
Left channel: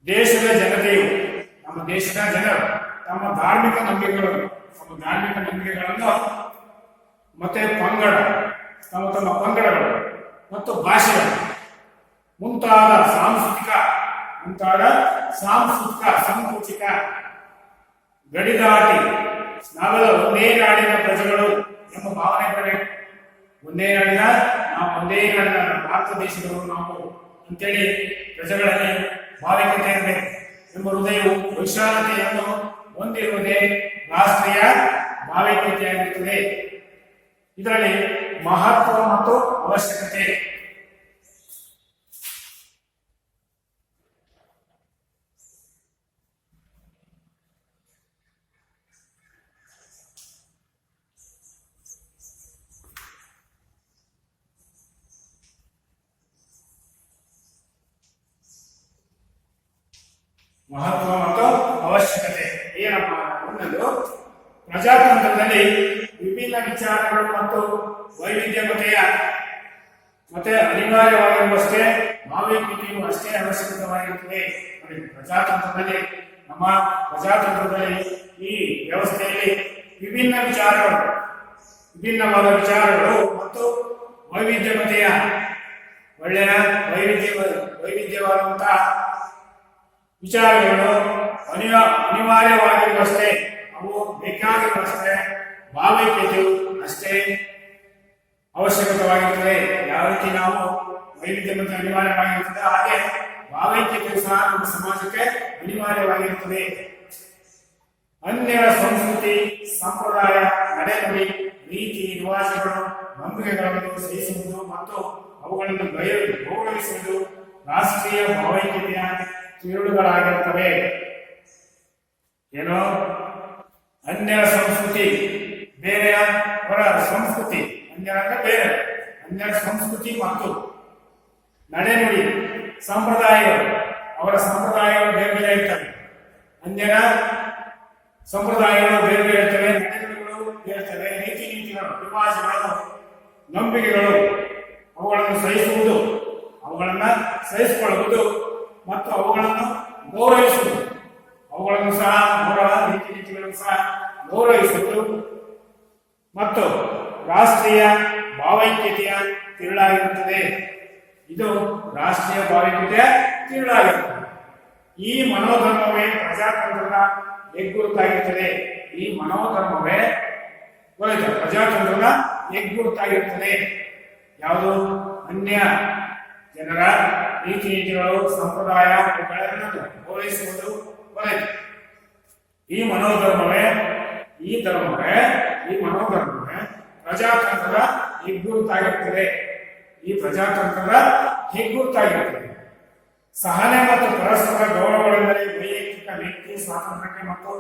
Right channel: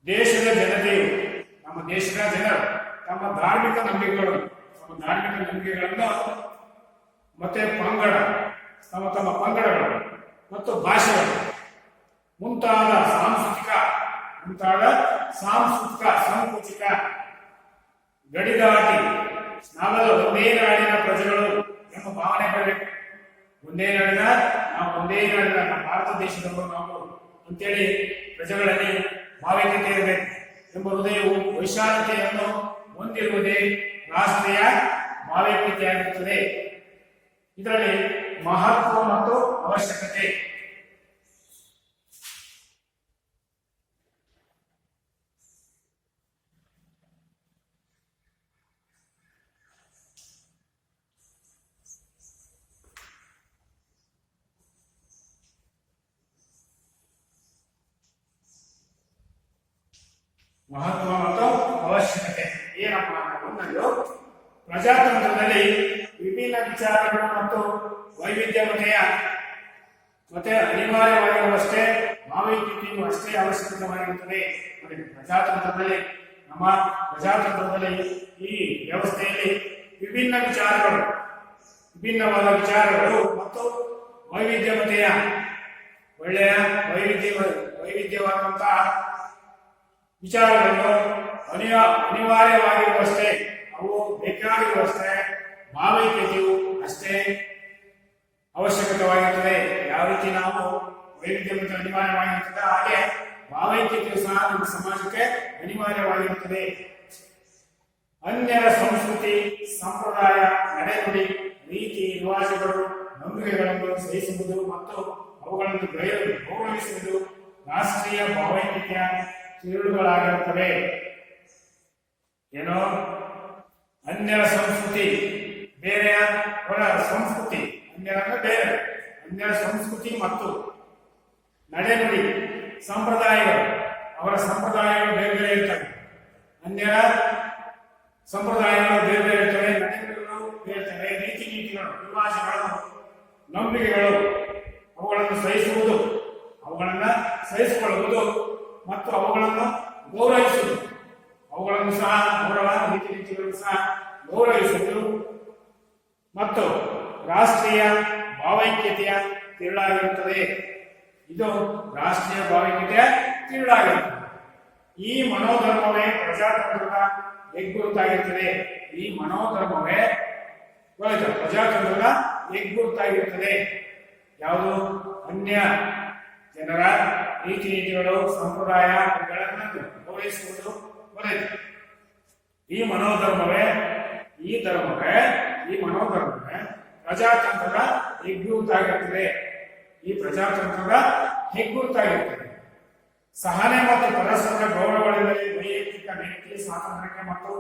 ದೇಶದ ಜನತೆಯು, ನಮ್ಮ ದೇಶದ ಜನರು ತಮ್ಮ ಧಾರ್ಮಿಕ ನಂಬಿಕೆಗಳನ್ನು ಮತ್ತೆ ಪಂಗಡ, ತಮ್ಮ ಪಂಗಡಗಳು ಮತ್ತು ಭಾಷೆಗಳು ಮುಂತಾದ ಸಾಂಸ್ಕೃತಿಕ ಸಂಕುಚಿತ ಗಡಿದಾಟಿ ನಾವೆಲ್ಲ ಒಂದೇ ನಾಡಿನ ಪ್ರಜೆಗಳು ಎಂಬ ಭಾವನೆ ಬರಬೇಕು. ಒಂದೇ ನಾಡಿನ ನಮ್ಮ ಭಾರತ ದೇಶದವರು ನಾವು ಅಂತೇಳಿ ಪ್ರಜೆಗಳಲ್ಲಿ ಭಾವೈಕ್ಯತೆ ಇರಬೇಕು ಎಂಬ ಹೃದಯವು ವೈಶಾಲತೆಯನ್ನು ಹೊಂದಿರುವುದೇ ರಾಷ್ಟ್ರೀಯ ಭಾವೈಕ್ಯತೆಯಾಗಿರುತ್ತದೆ. ಇದರಲ್ಲಿ ಮಹತ್ವ ಮತ್ತು ಅವಶ್ಯಕತೆ. ಮಹತ್ವ ಮತ್ತು ಅವಶ್ಯಕತೆ ಏನಪ್ಪ? ಒಂದೊಂದು ಪ್ರಜಾತಂತ್ರದಲ್ಲಿ ವಿಭಿನ್ನ ವಿಚಾರಗಳು ಮತ್ತು ವೈವಿಧ್ಯಮತೆಯ ಮತ್ತೆ ಅನಿವಾರ್ಯವಾಗಿರುವಷ್ಟೇ ಭಾವೈಕ್ಯತೆಯು ಅಷ್ಟೇ ಅವಶ್ಯಕವಾಗಿರುತ್ತದೆ. ಪ್ರಜಾತಂತ್ರದಲ್ಲಿ ನಮ್ಮ ಪ್ರಜಾತಂತ್ರದಲ್ಲಿ ಈ ವ್ಯವಸ್ಥೆಯಲ್ಲಿ ವಿಭಿನ್ನವಾದ ವಿಚಾರಗಳು ಮತ್ತು ವೈವಿಧ್ಯಮತೆಯ ಒಳ್ಳೆಯ ವೈವಿಧ್ಯವಾದಂತಹ ವಿಚಾರಗಳು ಅನಿವಾರ್ಯವಾಗಿರುವಷ್ಟೇ, ಅವು ಬೇಕಾಗಿರುವಷ್ಟೇ ಭಾವೈಕ್ಯತೆಯು ಅಷ್ಟೇ ಅವಶ್ಯಕವಾಗಿರುತ್ತದೆ. ಯಾವ ರೀತಿ ನಾವು ವೈವಿಧ್ಯಮತೆ ಅನಿವಾರ್ಯವಾಗಿರುತ್ತದೆ, ಹಾಗೆ ಭಾವೈಕ್ಯತೆಯು ಸಹ ನಮ್ಮ ಸಮಾಜಕ್ಕೆ ಅನಿವಾರ್ಯವಾಗಿರುತ್ತದೆ. ಅನ್ಯರ ಸಂಸ್ಕೃತಿ, ಸಂಪ್ರದಾಯ, ನಡೆನುಡಿ, ರೀತಿ ರಿವಾಜುಗಳು, ನಂಬಿಕೆಗಳನ್ನು ಸಹಿಸುವುದು ಮತ್ತು ಅವುಗಳನ್ನು ಗೌರವಿಸುವುದು ರಾಷ್ಟ್ರೀಯ ಭಾವೈಕ್ಯತೆಯ ತಿರುಳುಗಳಾಗಿರುತ್ತವೆ. ಏನೋ ಅನ್ಯರ ಸಂಸ್ಕೃತಿ, ಬೇರೆಯ ಹೊರ ಸಂಸ್ಕೃತಿ, ಅನ್ಯರ ಸಂಸ್ಕೃತಿ ಮತ್ತು ನಡೆನುಡಿ, ಸಂಪ್ರದಾಯಗಳು, ಅವರ ಸಂಪ್ರದಾಯಗಳು ಬೇರೆ ಬೇರೆ ಇರ್ತವೆ. ಅನ್ಯರ ಸಂಪ್ರದಾಯಗಳು ಬೇರೆ ಬೇರೆ ಇರ್ತವೆ, ನಡೆನುಡಿಗಳು ಬೇರೆ ಇರ್ತವೆ, ರೀತಿ ನೀತಿಗಳು, ರಿವಾಜುಗಳು, ನಂಬಿಕೆಗಳು, ಅವುಗಳನ್ನು ಸಹಿಸಿಕೊಳ್ಳುವುದು ಮತ್ತು ಅವುಗಳನ್ನು ಗೌರವಿಸುವುದು, ಅವುಗಳನ್ನು ಸಹ ರೀತಿ ನೀತಿಗಳನ್ನು ಸಹ ಗೌರವಿಸುವುದು ಮತ್ತು ರಾಷ್ಟ್ರೀಯ ಭಾವೈಕ್ಯತೆಯ ತಿರುಳಾಗಿರುತ್ತದೆ. ಇದು ರಾಷ್ಟ್ರೀಯ ಭಾವೈಕ್ಯತೆಯ ತಿರುಳಾಗಿರುತ್ತದೆ. ಈ ಮನೋಧರ್ಮವೇ ಪ್ರಜಾತಂತ್ರದ ಹೆಗ್ಗುರುತಾಗಿರುತ್ತದೆ. ಈ ಮನೋಧರ್ಮವೇ ಪ್ರಜಾತಂತ್ರದ ಹೆಗ್ಗುರುತಾಗಿರುತ್ತದೆ. ಯಾವುದು? ಅನ್ಯ ಜನರ ರೀತಿ ನೀತಿಗಳು, ಸಂಪ್ರದಾಯಗಳನ್ನು ಗೌರವಿಸುವುದು ಬರೆಯಿತು. ಈ ಮನೋಧರ್ಮವೇ ಪ್ರಜಾತಂತ್ರದ ಹೆಗ್ಗುರುತಾಗಿರುತ್ತದೆ. ಸಹನೆ ಮತ್ತು ಪರಸ್ಪರ ಗೌರವಗಳೆಂದರೆ ವೈಯಕ್ತಿಕ ವ್ಯಕ್ತಿ ಸ್ವಾತಂತ್ರ್ಯಕ್ಕೆ ಮತ್ತು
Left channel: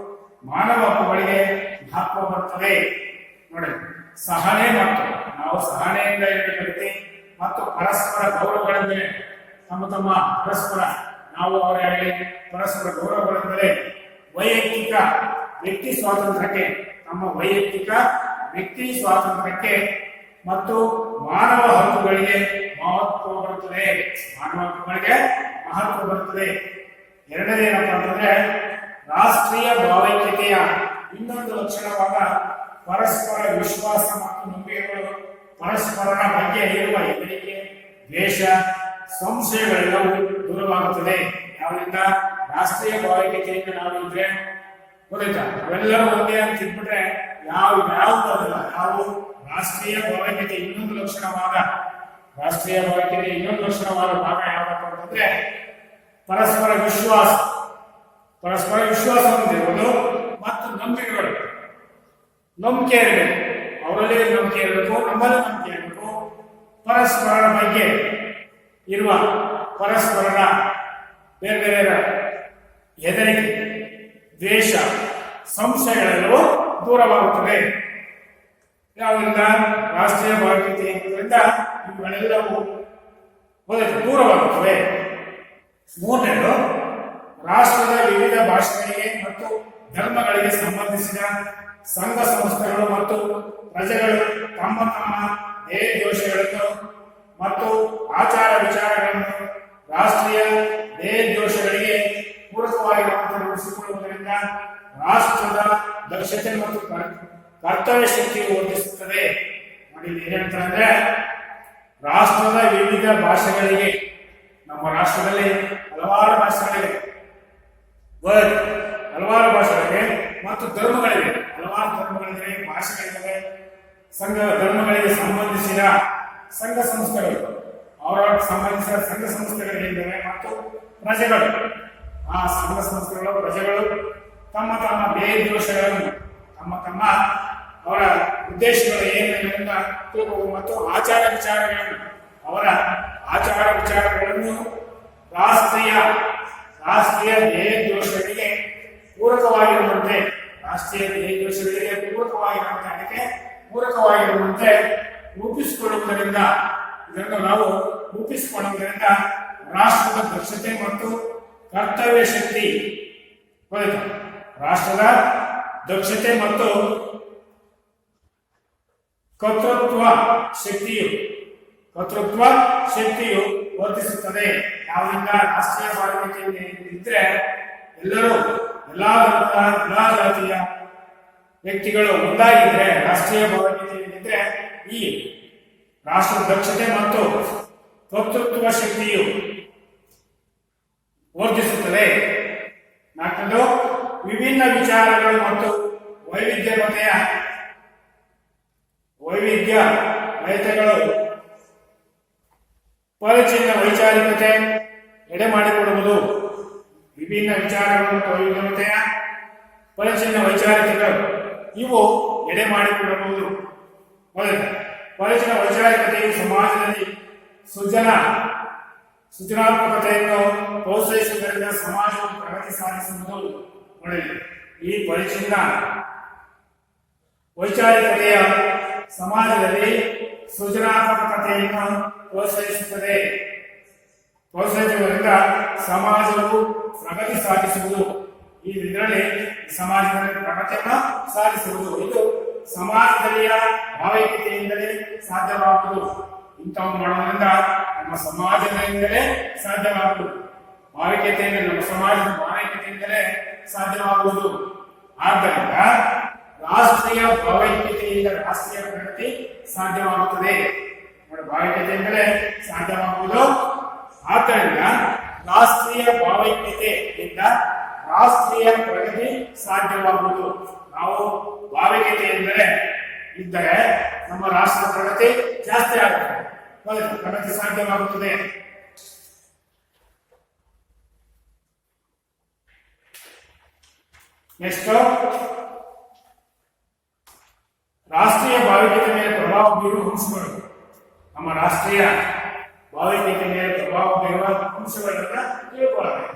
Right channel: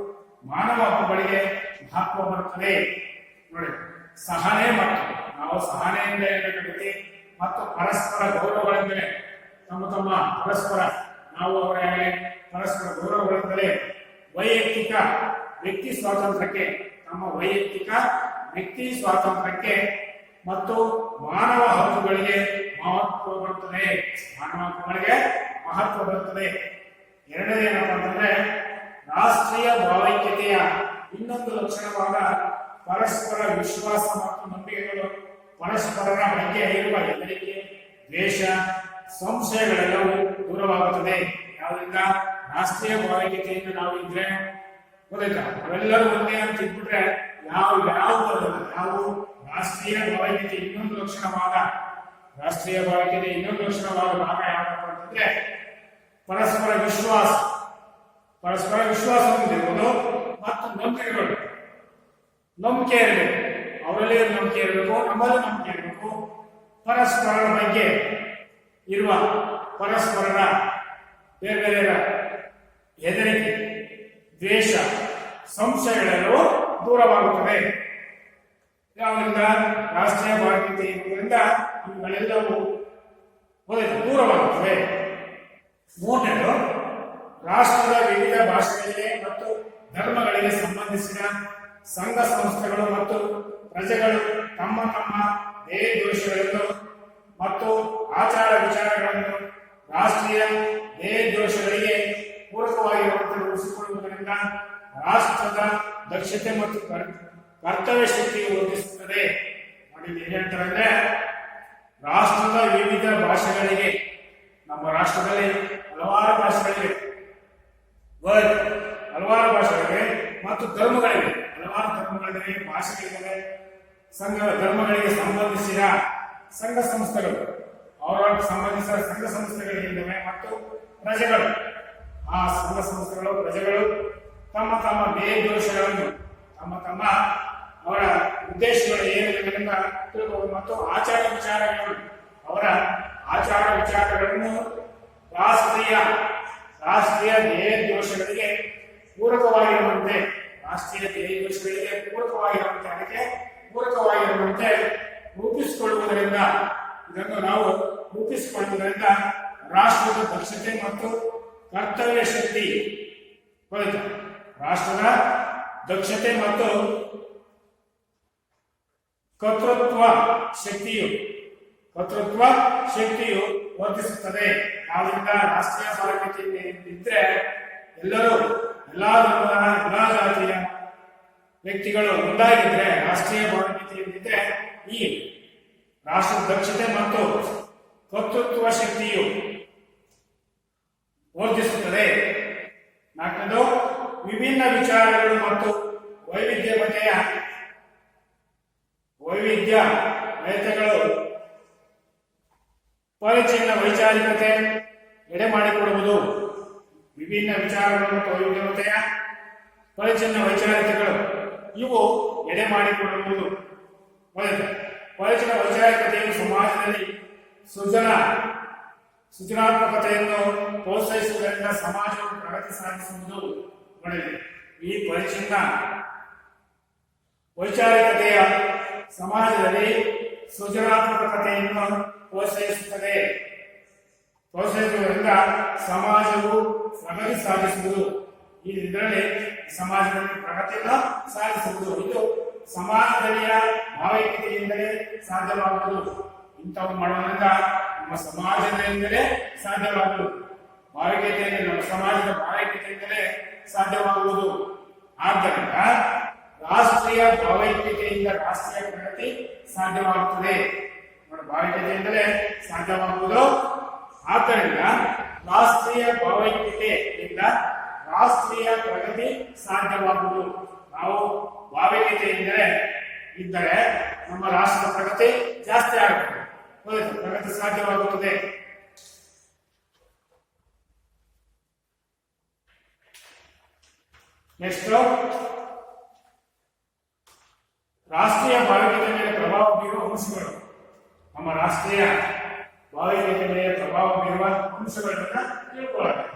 ಮಾನವ ಹಕ್ಕುಗಳಿಗೆ ಮಹತ್ವ ಬರುತ್ತದೆ. ನೋಡಿ, ಸಹನೆ ಮತ್ತು ನಾವು ಸಹನೆಯಿಂದ ಇರಬೇಕಾಗುತ್ತೆ ಮತ್ತು ಪರಸ್ಪರ ಗೌರವಗಳೆಂದರೆ ತಮ್ಮ ಪರಸ್ಪರ ನಾವು ಅವರಾಗಲಿ ಪರಸ್ಪರ ಗೌರವಗಳೆಂದರೆ ವೈಯಕ್ತಿಕ ವ್ಯಕ್ತಿ ಸ್ವಾತಂತ್ರ್ಯಕ್ಕೆ, ನಮ್ಮ ವೈಯಕ್ತಿಕ ವ್ಯಕ್ತಿ ಸ್ವಾತಂತ್ರ್ಯಕ್ಕೆ ಮತ್ತು ಮಾನವ ಹಕ್ಕುಗಳಿಗೆ ಮಹತ್ವ ಬರುತ್ತದೆ. ಎರಡನೇ ಏನಪ್ಪ ಅಂತಂದ್ರೆ, ರಾಷ್ಟ್ರೀಯ ಭಾವೈಕ್ಯತೆಯ ಇನ್ನೊಂದು ಲಕ್ಷಣವಾದ ಪರಸ್ಪರ ವಿಶ್ವಾಸ ಮತ್ತು ನಂಬಿಕೆಗಳು, ಪರಸ್ಪರರ ಬಗ್ಗೆ ಇರುವ ಹೆದರಿಕೆ, ದ್ವೇಷ, ಸಂಶಯಗಳೆಲ್ಲವೂ ದೂರವಾಗುತ್ತದೆ. ಯಾವುದರಿಂದ? ರಾಷ್ಟ್ರೀಯ ಭಾವೈಕ್ಯತೆಯಿಂದ ನಾವು ಇದ್ರೆ ಗೊತ್ತಾಯ್ತಾ, ಅವೆಲ್ಲರೂ ಒಂದೇ ಅಂತ ಇದ್ಬಿಟ್ರೆ ಯಾವ ಬರೋದಿಲ್ಲ. ಯಾವ ರಾಷ್ಟ್ರೀಯ ಭಾವೈಕ್ಯತೆ ಇನ್ನೊಂದು ಲಕ್ಷಣವಾದ ಭಾಗ ಯಾವ್ದಪ್ಪ ಅಂತಂದ್ರೆ ಪರಸ್ಪರ ವಿಶ್ವಾಸ ಹೊಂದಿರುವುದು ಮತ್ತು ನಂಬಿಕೆ ಇರಬೇಕು. ಅವರಲ್ಲಿ ನಂಬಿಕೆ ಇರಬೇಕು, ನಮ್ಮಲ್ಲಿ ನಂಬಿಕೆ ಇರಬೇಕು. ಪರಸ್ಪರರ ಬಗ್ಗೆ ಇರುವ ಪರಸ್ಪರರ ಬೇರೆ ಬೇರೆ ಹೆದರಿಕೆ, ದ್ವೇಷ, ಸಂಶಯಗಳೆಲ್ಲವೂ ದೂರವಾಗುತ್ತವೆ. ಯಾವುದರಿಂದ? ರಾಷ್ಟ್ರೀಯ ಭಾವೈಕ್ಯತೆ ಇರುವುದರಿಂದ ಇವುಗಳೆಲ್ಲವೂ ದೂರವಾಗುತ್ತವೆ. ಮೂರನೇದು, ರಾಷ್ಟ್ರದ ವಿವಿಧ ಭಾಷೆಗಳಿಗೆ ಮತ್ತು ಧರ್ಮಗಳಿಗೆ ಸಂಬಂಧಿಸಿದ ಸಂಘ ಸಂಸ್ಥೆಗಳು ಮತ್ತು ಪ್ರಜೆಗಳು ತಮ್ಮ ದೇಹ ದೋಷಗಳನ್ನು ಮತ್ತು ಆಚಾರ ವಿಚಾರಗಳನ್ನು ರಾಷ್ಟ್ರೀಯ ದೇಹ ದೋಷಗಳಿಗೆ ಪೂರಕವಾಗಿರುವಂತೆ ರೂಪಿಸಿಕೊಳ್ಳುವುದರಿಂದ ರಾಷ್ಟ್ರದ ದಕ್ಷತೆ ಮತ್ತು ಕರ್ತವ್ಯ ಶಕ್ತಿಯು ವರ್ಧಿಸುತ್ತದೆ. ನೋಡಿ, ಏನಂತಾರೆ ಅಂದ್ರೆ, ರಾಷ್ಟ್ರದ ವಿವಿಧ ಭಾಷೆಗಳಿಗೆ, ನಮ್ಮ ರಾಷ್ಟ್ರದಲ್ಲಿ ಹಲವಾರು ಭಾಷೆಗಳಿವೆ ಮತ್ತು ಧರ್ಮಗಳಿವೆ, ಭಾಷೆಗಳಿವೆ, ಧರ್ಮಗಳಿಗೆ ಸಂಬಂಧಿಸಿದ ಸಂಘ ಸಂಸ್ಥೆಗಳು, ಅವರವರಿಗೆ ಸಂಬಂಧಿಸಿದ ಸಂಘ ಸಂಸ್ಥೆಗಳಿವೆ ಮತ್ತು ಪ್ರಜೆಗಳು, ಆ ಸಂಘ ಸಂಸ್ಥೆಗಳು ಪ್ರಜೆಗಳು ತಮ್ಮ ದೇಹ ದೋಷಗಳನ್ನು ಅವರ ಉದ್ದೇಶಗಳು ಏನೆಂಬುದನ್ನ ತಿಳ್ಕೋಬಹುದು ಮತ್ತು ಆಚಾರ ವಿಚಾರಗಳನ್ನು ಅವರ ಆಚಾರ ವಿಚಾರಗಳನ್ನು ರಾಷ್ಟ್ರೀಯ ಧ್ಯೇಯೋದ್ದೇಶಗಳಿಗೆ ಪೂರಕವಾಗಿರುವಂತೆ ಪೂರಕವಾಗಿರುವಂತೆ ರೂಪಿಸಿಕೊಳ್ಳುವುದರಿಂದ ಇದನ್ನು ನಾವು ರೂಪಿಸಿಕೊಳ್ಳುವುದರಿಂದ ರಾಷ್ಟ್ರದ ದಕ್ಷತೆ ಮತ್ತು ಕರ್ತವ್ಯ ಶಕ್ತಿ ರಾಷ್ಟ್ರದ ದಕ್ಷತೆ ಮತ್ತು ಕರ್ತೃತ್ವ ಶಕ್ತಿಯು ವರ್ಧಿಸುತ್ತದೆ. ಯಾವುದರಿಂದ ರಾಷ್ಟ್ರೀಯ ಭಾವೈಕ್ಯತೆ ಇದ್ದರೆ ಎಲ್ಲಾ ಧರ್ಮದ ಎಲ್ಲಾ ಜಾತಿಯ ವ್ಯಕ್ತಿಗಳು ಒಂದಾಗಿದ್ರೆ ರಾಷ್ಟ್ರೀಯ ಭಾವೈಕ್ಯತೆಯಲ್ಲಿದ್ದರೆ ಈ ರಾಷ್ಟ್ರದ ದಕ್ಷತೆ ಮತ್ತು ಕರ್ತೃತ್ವ ಶಕ್ತಿಯು ವರ್ಧಿಸುತ್ತದೆ. ನಾಲ್ಕನೇದು ವಿಭಿನ್ನ ವಿಚಾರಗಳು ಮತ್ತು ವೈವಿಧ್ಯತೆಗಳು ಪರಿಚಿನ್ನ ವೈಚಾರಿಕತೆ ಎಡೆ ಮಾಡಿಕೊಡುವುದು. ವಿಭಿನ್ನ ವಿಚಾರಗಳು ಮತ್ತು ವೈವಿಧ್ಯತೆಯ ಪರಿಚಿನ್ನ ವೈಚಾರಿಕತೆಗಳು ಇವು ಎಡೆ ಮಾಡಿಕೊಡಬಹುದು. ಪರಿಚಿನ ವೈಚಾರಿಕತೆಯು ಸಮಾಜದಲ್ಲಿ ಸೃಜನಾತ್ಮಕತೆಯನ್ನು ಪ್ರೋತ್ಸಾಹಿಸುವುದರಿಂದ ಸಮಾಜವು ಪ್ರಗತಿ ಸಾಧಿಸುವುದು ಒಳ್ಳೆಯದು. ಈ ಪರಿಚಿನ್ನ ವೈಚಾರಿಕತೆಯ ಸಮಾಜದಲ್ಲಿ ಸೃಜನಾತ್ಮಕತೆಯನ್ನು ಪ್ರೋತ್ಸಾಹಿಸುವುದರಿಂದ ಸಮಾಜವು ಪ್ರಗತಿ ಸಾಧಿಸುವುದು. ಇದರಲ್ಲಿ ಸಮಾಜದಲ್ಲಿ ಪ್ರಗತಿಯನ್ನು ಸಾಧಿಸುವುದು ಇದು ಸಮಾಜದಲ್ಲಿಯ ಭಾವೈಕ್ಯತೆಯಿಂದಲೇ ಸಾಧ್ಯವಾಗುವುದು. ಇಂಥವು ಮಾಡೋದ್ರಿಂದ ನಮ್ಮ ಸಮಾಜದಿಂದಲೇ ಸಾಧ್ಯವಾಗುವುದು. ಭಾವೈಕ್ಯತೆಯಿಂದ ನಮ್ಮ ಸಮಾಜದ ಭಾವೈಕ್ಯತೆಯಿಂದಲೇ ಸಾಧ್ಯವಾಗುವುದು. ಆದ್ದರಿಂದ ರಾಷ್ಟ್ರೀಯ ಭಾವೈಕ್ಯತೆಯಿಂದ ರಾಷ್ಟ್ರೀಯ ಪ್ರಗತಿ ಸಾಧ್ಯವಾಗುತ್ತದೆ. ಭಾವೈಕ್ಯತೆಯಿಂದಲೇ ಸಾಧ್ಯವಾಗುವುದು. ಆದ್ದರಿಂದ ರಾಷ್ಟ್ರೀಯ ಭಾವೈಕ್ಯತೆಯಿಂದ ರಾಷ್ಟ್ರೀಯ ಪ್ರಗತಿ ಸಾಧ್ಯವಾಗುವುದು. ನಾವು ಭಾವೈಕ್ಯತೆಯಿಂದಲೇ ಇದ್ದರೆ ನಮ್ಮ ರಾಷ್ಟ್ರದ ಪ್ರಗತಿ ಜಾಸ್ತಿ ಆಗುತ್ತದೆ, ಪ್ರಗತಿ ಸಾಧ್ಯವಾಗುತ್ತದೆ. ನೆಕ್ಸ್ಟ್, ರಾಷ್ಟ್ರೀಯ ಭಾವೈಕ್ಯತೆ ಮೇಲೆ ಪ್ರಭಾವ ಬೀರುವ ಅಂಶಗಳು. ನಮ್ಮ ರಾಷ್ಟ್ರೀಯ ಭಾವೈಕ್ಯತೆ ಮೇಲೆ ಪ್ರಭಾವ ಬೀರುವ ಅಂಶಗಳನ್ನ ತಿಳ್ಕೊಳ್ಳಬೇಕು.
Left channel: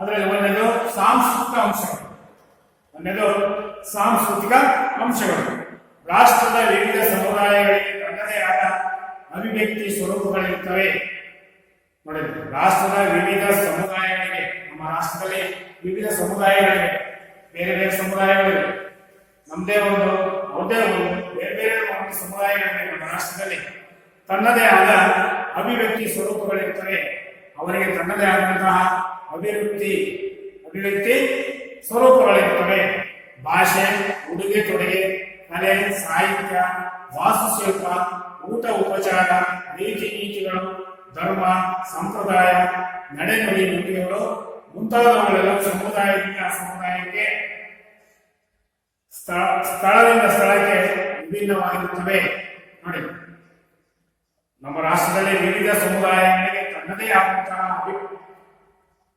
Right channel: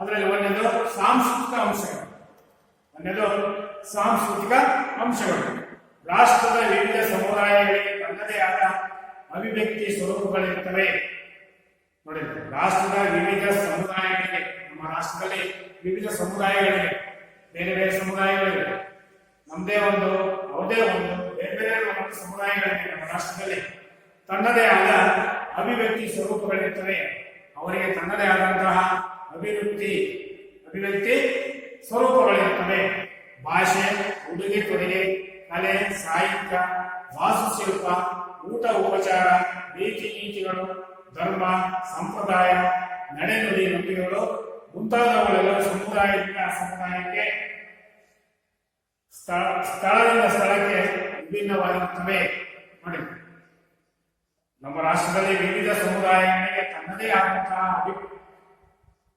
ಅದರಲ್ಲಿ ಒಂದನೇದು ಸಾಂಸ್ಕೃತಿಕ ಅಂಶಗಳು. ರಾಷ್ಟ್ರದ ವಿವಿಧ ಸಮುದಾಯಗಳಿಗೆ ತನ್ನದೇ ಆದ ಅಭಿವ್ಯಕ್ತಿ ಸ್ವರೂಪಗಳಿರುತ್ತವೆ. ನೋಡಿ, ರಾಷ್ಟ್ರದ ವಿವಿಧ ಸಮುದಾಯಗಳಿಗೆ, ನಮ್ಮ ರಾಷ್ಟ್ರದಲ್ಲಿ ವಿವಿಧ ಸಮುದಾಯಗಳಿವೆ, ಬೇರೆ ಬೇರೆ ಸಮುದಾಯಗಳಿವೆ. ನಮ್ಮದೇ ಒಂದು, ಅವ್ರದೇ ಒಂದು, ಬೇರೆ ಬೇರೆ ಒಂದು ಸಮುದಾಯಗಳಿವೆ. ನಮ್ಮ ರಾಷ್ಟ್ರದಲ್ಲಿ ತನ್ನದೇ ಆದ ಅಭಿವ್ಯಕ್ತಿ ಸ್ವರೂಪಗಳಿರ್ತವೆ. ಅವರಿಗೆ ತನ್ನದೇ ಆದಂತಹ ಅಭಿವ್ಯಕ್ತಿ ಸ್ವರೂಪಗಳಿರ್ತವೆ. ಭಾಷೆ, ಉಡುಗೆ ತೊಡುಗೆ, ಕಲೆ, ಸಾಹಿತ್ಯ, ವಾಸ್ತುಶಿಲ್ಪ, ಊಟ ಉಪಚಾರ, ರೀತಿ ನೀತಿಗಳು, ಧರ್ಮ, ಸಂಪ್ರದಾಯ, ನಡೆನುಡಿ, ನುಡಿಗಳು ಮುಂತಾದವುಗಳೆಲ್ಲ ಸಮುದಾಯದಿಂದ ಸಮುದಾಯಕ್ಕೆ, ಸ್ಥಳದಿಂದ ಸ್ಥಳಕ್ಕೆ ವಿಭಿನ್ನವಾಗಿರುತ್ತವೆ. ನೋಡಿ, ನಮ್ಮ ರಾಷ್ಟ್ರದಲ್ಲಿ ವಿವಿಧ ಸಮುದಾಯಗಳಿಗೆ ತನ್ನದೇ ಆದಂತಹ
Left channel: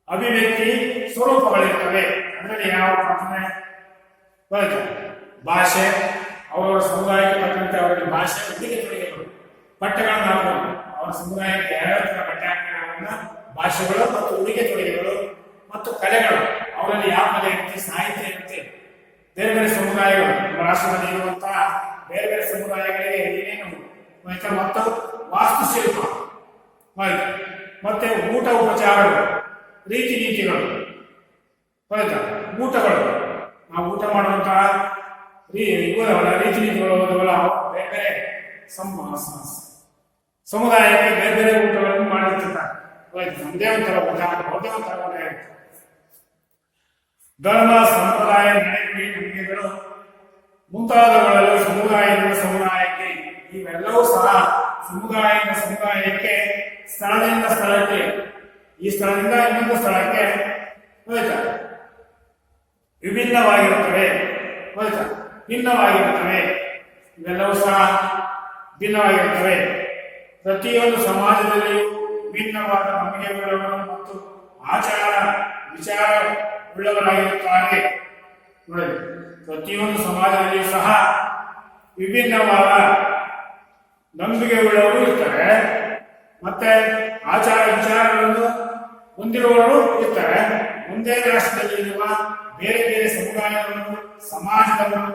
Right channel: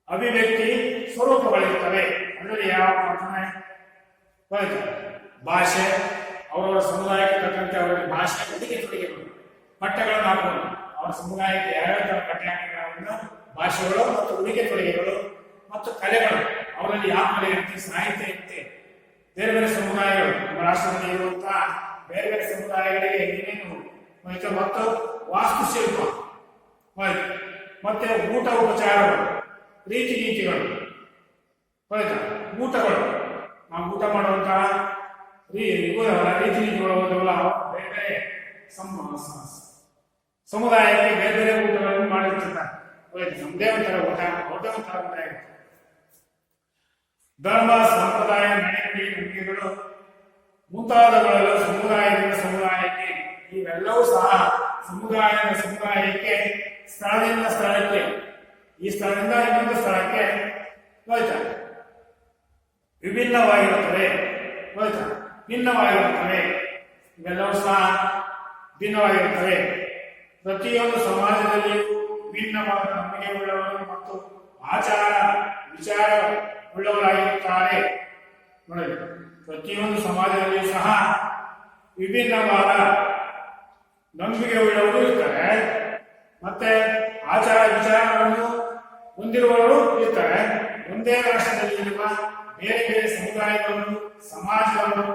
ಅಭಿವ್ಯಕ್ತಿ ಸ್ವರೂಪಗಳಿರ್ತವೆ. ಅದರಲ್ಲಿ ಯಾವ ಪ್ರಾರ್ಥನೆ ಬರುತ್ತೆ? ಭಾಷೆ, ಅವರವರ ಸಮುದಾಯಕ್ಕೆ ತಕ್ಕಂತೆ ಅವರಿಗೆ ಭಾಷೆ, ಉಡುಗೆ ತೊಡುಗೆಗಳು, ಬಟ್ಟೆಗಳನ್ನು ಹಾಕಬಹುದು. ಅವರ ಸಮುದಾಯಕ್ಕೆ ಯಾವ್ಯಾವ ತರ ಬಟ್ಟೆ ಹಾಕಿರೋದ್ರಿಂದ ಭಾಷೆಗಳು ಮತ್ತು ಉಡುಗೆ ತೊಡುಗೆಗಳು ಮತ್ತು ಕಲೆಗಳು, ಅವರಲ್ಲಿ ಯಾವ ಕಲೆ ಇರುತ್ತೆ, ಸಾಹಿತ್ಯ ಇರುತ್ತೆ. ಬೇರೆ ಬೇರೆ ಸಮುದಾಯಗಳು, ನಮ್ಮ ರಾಷ್ಟ್ರದಲ್ಲಿ ಇರುವಂತಹ ಬೇರೆ ಬೇರೆ ಸಮುದಾಯಗಳಿಗೆ ಏನೇನು ಮತ್ತು ವಾಸ್ತುಶಿಲ್ಪ, ಮತ್ತೆ ಊಟ ಉಪಚಾರಗಳು, ರೀತಿ ನೀತಿಗಳು, ಊಟಗಳು, ನಾವು ಊಟ ಮಾಡುವಂತಹ ರೀತಿ ನೀತಿಗಳು ಬೇರೆ ಬೇರೆ ಸಮುದಾಯಕ್ಕೆ ಬೇರೆ ಬೇರೆ ಊಟಗಳನ್ನು ಮಾಡಿರ್ತಿರ್ತಾರೆ. ನಮ್ಮದೇ ಒಂಥರ ಊಟ, ಅವ್ರದೇ ಒಂಥರ ಊಟ ಇರುತ್ತೆ. ಧರ್ಮ, ಸಂಪ್ರದಾಯ, ನಡೆನುಡಿ, ನಂಬಿಕೆಗಳು ಮುಂತಾದವುಗಳೆಲ್ಲ ಸಮುದಾಯದಿಂದ ಸಮುದಾಯಕ್ಕೆ, ಇವೆಲ್ಲವೂ ಸಹ ಸಮುದಾಯಕ್ಕೆ ಸ್ಥಳದಿಂದ ಸ್ಥಳಕ್ಕೆ, ಈ ಸ್ಥಳದಿಂದ ಇನ್ನೊಂದು ಸ್ಥಳಕ್ಕೆ ವಿಭಿನ್ನವಾಗಿರುತ್ತವೆ, ಭಿನ್ನವಾಗಿರುತ್ತವೆ. ಇವೆಲ್ಲವೂ ಸಹ ಭಿನ್ನವಾಗಿರುತ್ತವೆ. ಪ್ರತಿಯೊಂದು ಸಮಾಜದಲ್ಲಿಯೂ ವಿಭಿನ್ನವಾದ ನಂಬಿಕೆಗಳನ್ನು ಮತ್ತು ಆಚಾರ ವಿಚಾರ ಉಳ್ಳವರಾಗಿರುತ್ತಾರೆ. ನೋಡಿ, ಪ್ರತಿಯೊಂದು ಸಮಾಜದಲ್ಲಿಯೂ ಸಹ ವಿಭಿನ್ನವಾದ ನಂಬಿಕೆ ಉಳ್ಳವರು ಇರ್ತಾರೆ, ಮತ್ತೆ ಆಚಾರ ವಿಚಾರಗಳನ್ನು ಹೊಂದಿರುವವರು ಇರ್ತಾರೆ. ಒಂದೇ ರಾಷ್ಟ್ರದಲ್ಲಿ ಇರುವ ಬೇರೆ ಬೇರೆ ಸಮುದಾಯದವರು, ಸಮಾಜದವರು,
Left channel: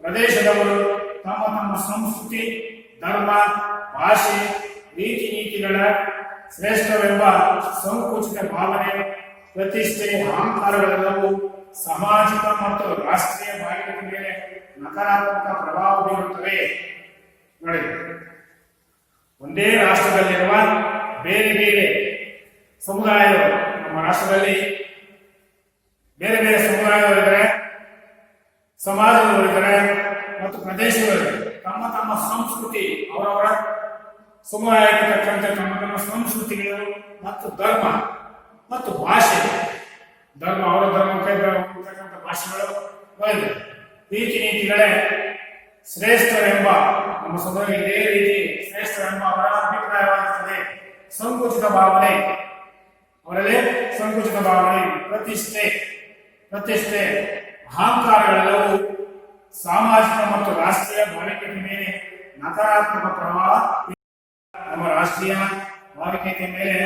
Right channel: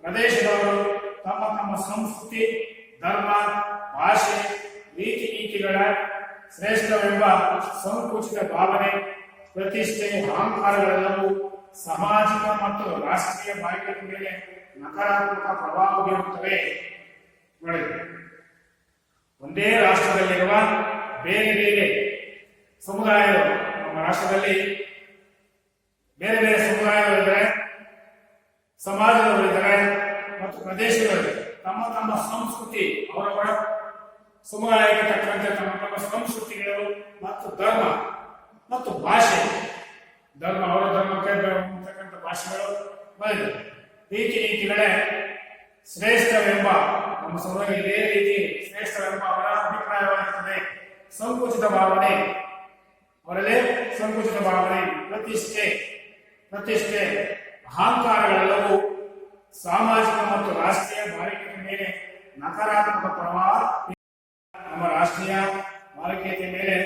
ಪ್ರದೇಶದವರು ತಮ್ಮ ತಮ್ಮ ಸಂಸ್ಕೃತಿ, ಧರ್ಮ, ಭಾಷೆ, ರೀತಿ ನೀತಿಗಳ ಶ್ರೇಷ್ಠವೆಂಬ ಸಂಕುಚಿತ ಭಾವನೆ, ಪ್ರತಿಷ್ಠೆ, ಅಹಂಕಾರಗಳೆಲ್ಲವೂ ಸಾಮಾಜಿಕ ಮತ್ತು ರಾಷ್ಟ್ರೀಯ ಭಾಗ್ಯದ ಮೇಲೆ ನಕಾರಾತ್ಮಕ ಪ್ರಭಾವ ಬೀರುತ್ತವೆ. ನೋಡಿ, ಒಂದೇ ರಾಷ್ಟ್ರದಲ್ಲಿರುವ ಬೇರೆ ಬೇರೆ ಸಮುದಾಯಗಳು, ನಮ್ಮ ರಾಷ್ಟ್ರದಲ್ಲಿ ಬೇರೆ ಬೇರೆ ಸಮುದಾಯಗಳಿದ್ದಾರೆ, ಸಮಾಜದವರಿದ್ದಾರೆ ಮತ್ತು ಪ್ರದೇಶಗಳಿದ್ದಾರೆ. ತಮ್ಮ ತಮ್ಮ ಸಂಸ್ಕೃತಿ, ಅವರವರ ಸಮುದಾಯಕ್ಕೆ ತಕ್ಕಂತೆ ತಮ್ಮ ತಮ್ಮ ಸಂಸ್ಕೃತಿಗಳು ಮತ್ತು ಧರ್ಮ ಮತ್ತು ಭಾಷೆ, ಧರ್ಮ ಅವರ ಧರ್ಮಕ್ಕೆ ತಕ್ಕಂಥ ಭಾಷೆಗಳು ಬರೆದಿದೆ. ರೀತಿ ನೀತಿಗಳೇ ಶ್ರೇಷ್ಠವೆಂಬ, ನಮ್ಮ ಸಮುದಾಯ ಇದೇ ರೀತಿ ಶ್ರೇಷ್ಠವೆಂಬ ಅವರ ಅಭಿಪ್ರಾಯವಾಗಿರುತ್ತದೆ. ಸಂಕುಚಿತ ಭಾವನೆ, ಅವರಲ್ಲಿ ಸಂಕುಚಿತ ಭಾವನೆ, ಪ್ರತಿಷ್ಠೆ, ಅಹಂಕಾರಗಳೆಲ್ಲವೂ ಸಾಮಾಜಿಕ ಮತ್ತು ರಾಷ್ಟ್ರೀಯ ಭಾವಿಕೆಯ ಮೇಲೆ ನಕಾರಾತ್ಮಕ ಪ್ರಭಾವ, ನಮ್ಮ ರಾಷ್ಟ್ರೀಯ ಭಾವಿಕೆಯ ಮೇಲೆ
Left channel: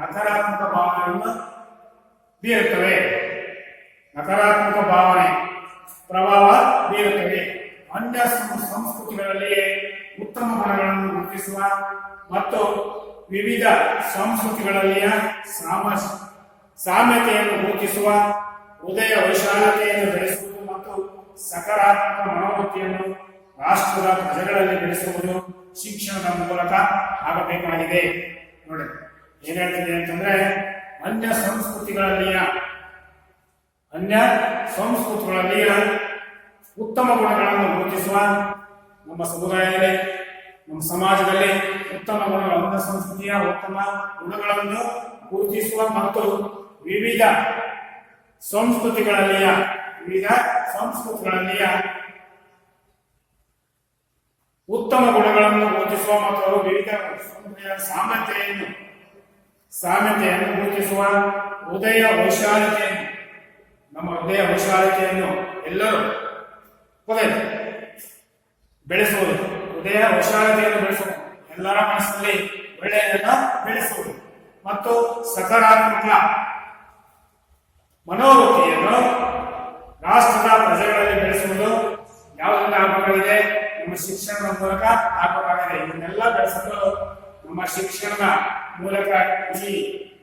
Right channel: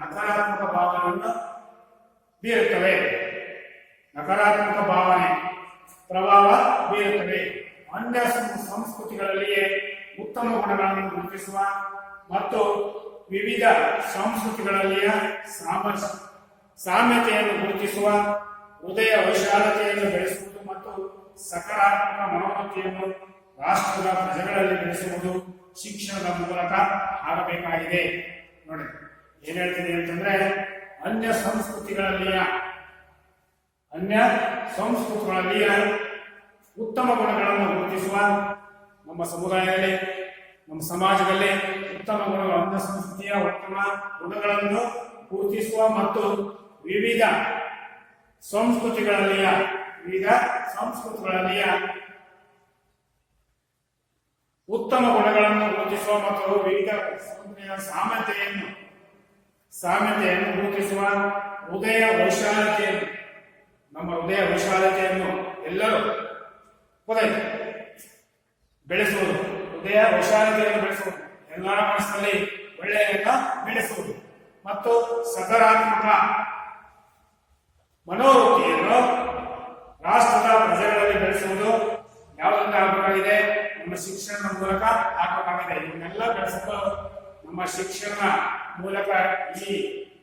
ನಕಾರಾತ್ಮಕ ಭಾವನೆಯನ್ನು ಬೀರುತ್ತವೆ. ನಕಾರಾತ್ಮಕ ಭಾವನೆ ಪ್ರಭಾವ ಬೀರುತ್ತವೆ. ಅನ್ಯ ಸಂಸ್ಕೃತಿಗಳಲ್ಲಿಯೇ ಉತ್ತಮ ಗುಣಗಳನ್ನು ಗುರುತಿಸುವ ಮತ್ತು ವಿವಿಧ ಸಂಸ್ಕೃತಿಗಳಲ್ಲಿಯ ಸಾಮ್ಯತೆಯನ್ನು ಗುರುತಿಸುವ, ಹೃದಯ ವೈಶಾಲ್ಯತೆಯನ್ನು ಬೆಳೆಸುವುದು ಮತ್ತು ಸಕಾರಾತ್ಮಕ ಮನೋವೃತ್ತಿಯನ್ನು ರಾಷ್ಟ್ರದ ಪ್ರಜೆಗಳಲ್ಲಿ ಬೆಳೆಸುವುದು ಶಿಕ್ಷಣದ ಮೂಲಕ ಆಗಬೇಕಾಗಿದೆ. ನೋಡಿ, ಏನ್ ಹೇಳ್ತೀನಿ ಅಂತಂದ್ರೆ, ಅನ್ಯ ಸಂಸ್ಕೃತಿಗಳಲ್ಲಿಯ ಉತ್ತಮ ಗುಣಗಳನ್ನು ಗುರುತಿಸುವ, ನಮ್ಮ ಸಮುದಾಯದಲ್ಲಿ, ನಮ್ಮ ಸಮಾಜದಲ್ಲಿ ಉತ್ತಮ ಗುಣಗಳು, ಅನ್ಯ ಸಂಸ್ಕೃತಿಯ ಉತ್ತಮ ಗುಣಗಳನ್ನು ಗುರುತಿಸುವ ಮತ್ತು ವಿವಿಧ ಸಂಸ್ಕೃತಿಗಳಲ್ಲಿಯ ಉತ್ತಮ ಗುಣಗಳನ್ನು ಗುರುತಿಸುವ ಮತ್ತು ವಿವಿಧ ಸಂಸ್ಕೃತಿಯ ಸಾಮ್ಯತೆಯನ್ನು ಗುರುತಿಸುವ, ಹೃದಯ ವೈಶಾಲ್ಯತೆಯನ್ನು, ನಮ್ಮ ಹೃದಯ ವೈಶಾಲ್ಯತೆಯನ್ನು ಎಲ್ಲರೂ ಬೆಳೆಸುವುದು, ಹೃದಯ ವೈಶಾಲ್ಯತೆಯನ್ನು ಬೆಳೆಸುವುದು, ಎಲ್ಲರ ಮನಸ್ಸಿನಲ್ಲಿ ಒಳ್ಳೆಯದನ್ನ ಬೆಳೆಸುವುದು ಮತ್ತು ಸಕಾರಾತ್ಮಕ ಮನೋವೃತ್ತಿಯನ್ನು ರಾಷ್ಟ್ರದ ಪ್ರಜೆಗಳಲ್ಲಿ ಬೆಳೆಸುವುದು ಯಾವುದರಿಂದ ಆಗಬೇಕಾಗಿದೆ? ನಮ್ಮ ಶಿಕ್ಷಣದ ಮೂಲಕ ಆಗಬೇಕಾಗಿದೆ. ಇದನ್ನೆಲ್ಲ ಬೆಳೆಸಲು ನಮ್ಮ ಶಿಕ್ಷಣದ ಮೂಲಕ ಈ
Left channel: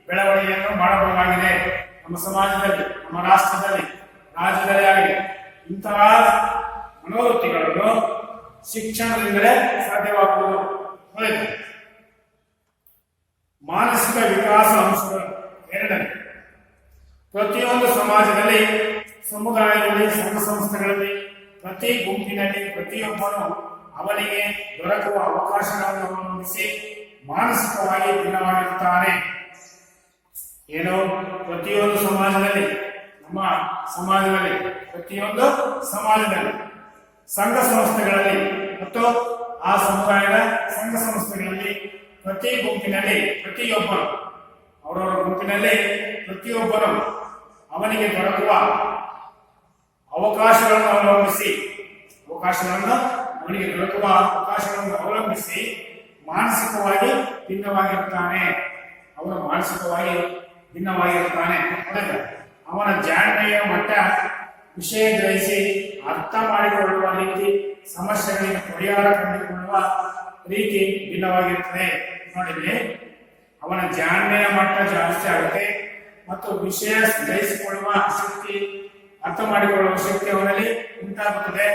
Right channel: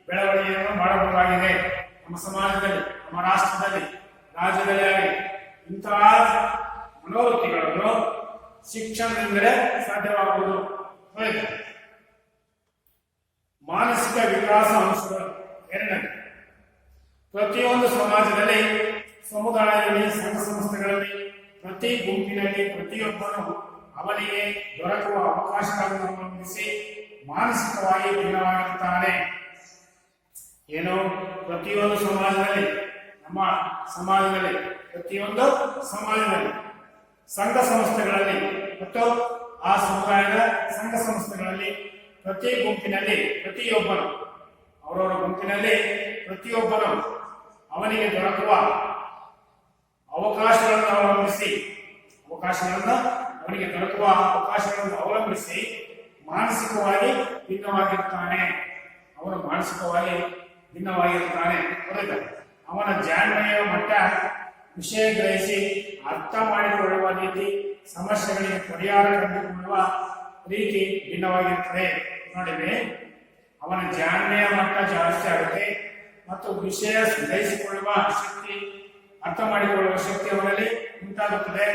ಬೆಳವಣಿಗೆಯನ್ನು ಮಾಡಬಹುದಾಗಿದೆ. ನಮ್ಮ ಸಮಾಜದಲ್ಲಿ, ನಮ್ಮ ರಾಷ್ಟ್ರದಲ್ಲಿ, ರಾಜ್ಯದಲ್ಲಿ ಆಗಿ ಇಂತಹ ಮನೋವೃತ್ತಿಗಳನ್ನು ಶಿಕ್ಷಣದಿಂದಲೇ ಸಾಧ್ಯವಾಗುವುದು. ಮಾನಸಿಕ ವಿಕಾಸ ಅಂಶಗಳು. ಎರಡನೇ, ಪ್ರತಿಯೊಂದು ಸಮಾಜದಲ್ಲಿ, ಸಮುದಾಯದಲ್ಲಿ, ಸಂಘ ಸಂಸ್ಥೆಗಳಲ್ಲಿ, ಪ್ರತಿ ಗುಂಪಿನಲ್ಲಿ ಪ್ರತಿಯೊಬ್ಬನು ಅವನಿಗೆ ದೊರಕುವ ಅವಕಾಶಗಳನ್ನು ಅವಲಂಬಿಸಿ ಮಾನಸಿಕವಾಗಿ ಭಿನ್ನವಾಗಿರುತ್ತಾನೆ. ಏನು? ಪ್ರತಿಯೊಂದು ಸಮಾಜದಲ್ಲಿ, ನಮ್ಮ ಸಮಾಜದಲ್ಲಿ, ಪ್ರತಿಯೊಂದು ಸಮಾಜದಲ್ಲಿ, ಸಂಘ ಸಂಸ್ಥೆಗಳಲ್ಲಿ ಮತ್ತು ಆ ಸಮುದಾಯದ ಸಂಘ ಸಂಸ್ಥೆಗಳಲ್ಲಿ, ಪ್ರತಿ ಗುಂಪಿನಲ್ಲಿ ಪ್ರತಿಯೊಬ್ಬನು, ಅವರವರ ಗುಂಪಿನಲ್ಲಿ ಪ್ರತಿಯೊಬ್ಬನು ಅವನಿಗೆ ದೊರಕುವ ಅವಕಾಶಗಳನ್ನು ಅವಲಂಬಿಸಿ ಮಾನಸಿಕವಾಗಿ ಭಿನ್ನವಾಗಿರುತ್ತಾನೆ. ಅವನು ಮಾನಸಿಕವಾಗಿ ಭಿನ್ನವಾಗಿರುತ್ತಾನೆ. ಅವನ ಜಾಣ್ಮೆಯ ಮಟ್ಟ, ವಿಷಯ ಗ್ರಹಿಸಿ ಅರ್ಥ ಮಾಡಿಕೊಳ್ಳುವ ರೀತಿ, ಸಮಸ್ಯೆಗಳಿಗೆ ಪರಿಹಾರ ಕಂಡುಕೊಳ್ಳುವ ರೀತಿ ಭಿನ್ನವಾಗಿರುತ್ತದೆ. ನೋಡಿದ್ರೆ, ಅವನ ಜಾಣ್ಮೆಯ ಮಟ್ಟ ಜಾಸ್ತಿ ಆಗುತ್ತೆ ಮತ್ತು ವಿಷಯ ಗ್ರಹಿಸಿಕೊಳ್ಳುವ ಶಕ್ತಿ, ಅರ್ಥ ಮಾಡಿಕೊಳ್ಳುವ ಶಕ್ತಿ ಅವನಲ್ಲಿ ಉಂಟಾಗುತ್ತದೆ.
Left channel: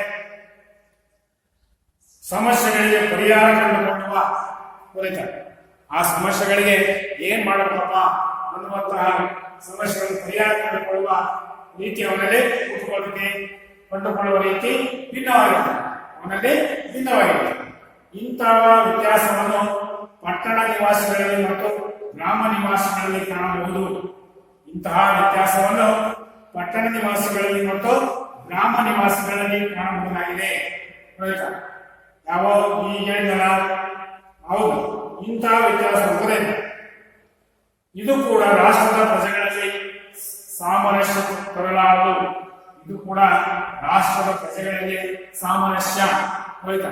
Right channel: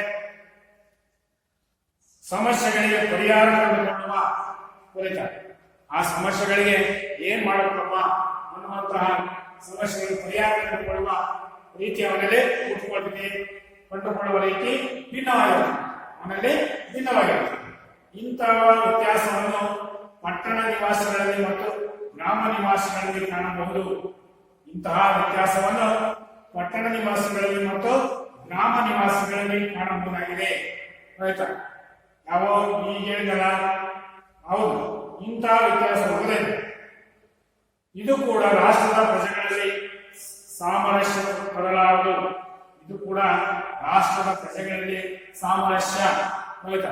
ಸಮಸ್ಯೆಗಳಿಗೆ ಪರಿಹಾರ ಕಂಡುಕೊಳ್ಳುವ ಆ ಸಮಸ್ಯೆಗಳಿಗೆ ಏನ್ ಮಾಡಬೇಕಪ್ಪ ಅನ್ನುವಂತಹ ಸಮಸ್ಯೆಗಳಿಗೆ ಪರಿಹಾರ ಕಂಡುಕೊಳ್ಳುವ ರೀತಿ ಅವನಲ್ಲಿ ಕಂಡುಕೊಳ್ಳುವ ರೀತಿ ಭಿನ್ನವಾಗಿರುತ್ತೆ. ಇಂತಹ ವ್ಯತ್ಯಾಸವನ್ನು ಪಟ್ಟಣ ನಿವಾಸಿಗಳಲ್ಲಿ ಮತ್ತು ಗ್ರಾಮ ನಿವಾಸಿಗಳಲ್ಲಿ ಕಾಣಬಹುದು. ಇಂತಹ ವ್ಯತ್ಯಾಸವನ್ನು ಪಟ್ಟಣ ನಿವಾಸಿಗಳಲ್ಲಿ ಮತ್ತು ಗ್ರಾಮ ನಿವಾಸಿಗಳಲ್ಲಿ ಕಾಣಬಹುದಾಗಿದೆ. ಯಾವ ಈಗ ಹೇಳಿದಲ್ಲ, ಹೌದು, ಇಂತಹ ವ್ಯತ್ಯಾಸ ಹೋಗಿದೆ. ಇದು ಕೂಡ ರಾಷ್ಟ್ರದ ಪ್ರಜೆಗಳಲ್ಲಿ ಸಾಮರಸ್ಯ ತರಲಾರದು. ಇದು ಕೂಡ ರಾಷ್ಟ್ರ ರಾಷ್ಟ್ರದ ಪ್ರಜೆಗಳಲ್ಲಿ ಸಾಮರಸ್ಯ ಹೋಯ್ತಾ,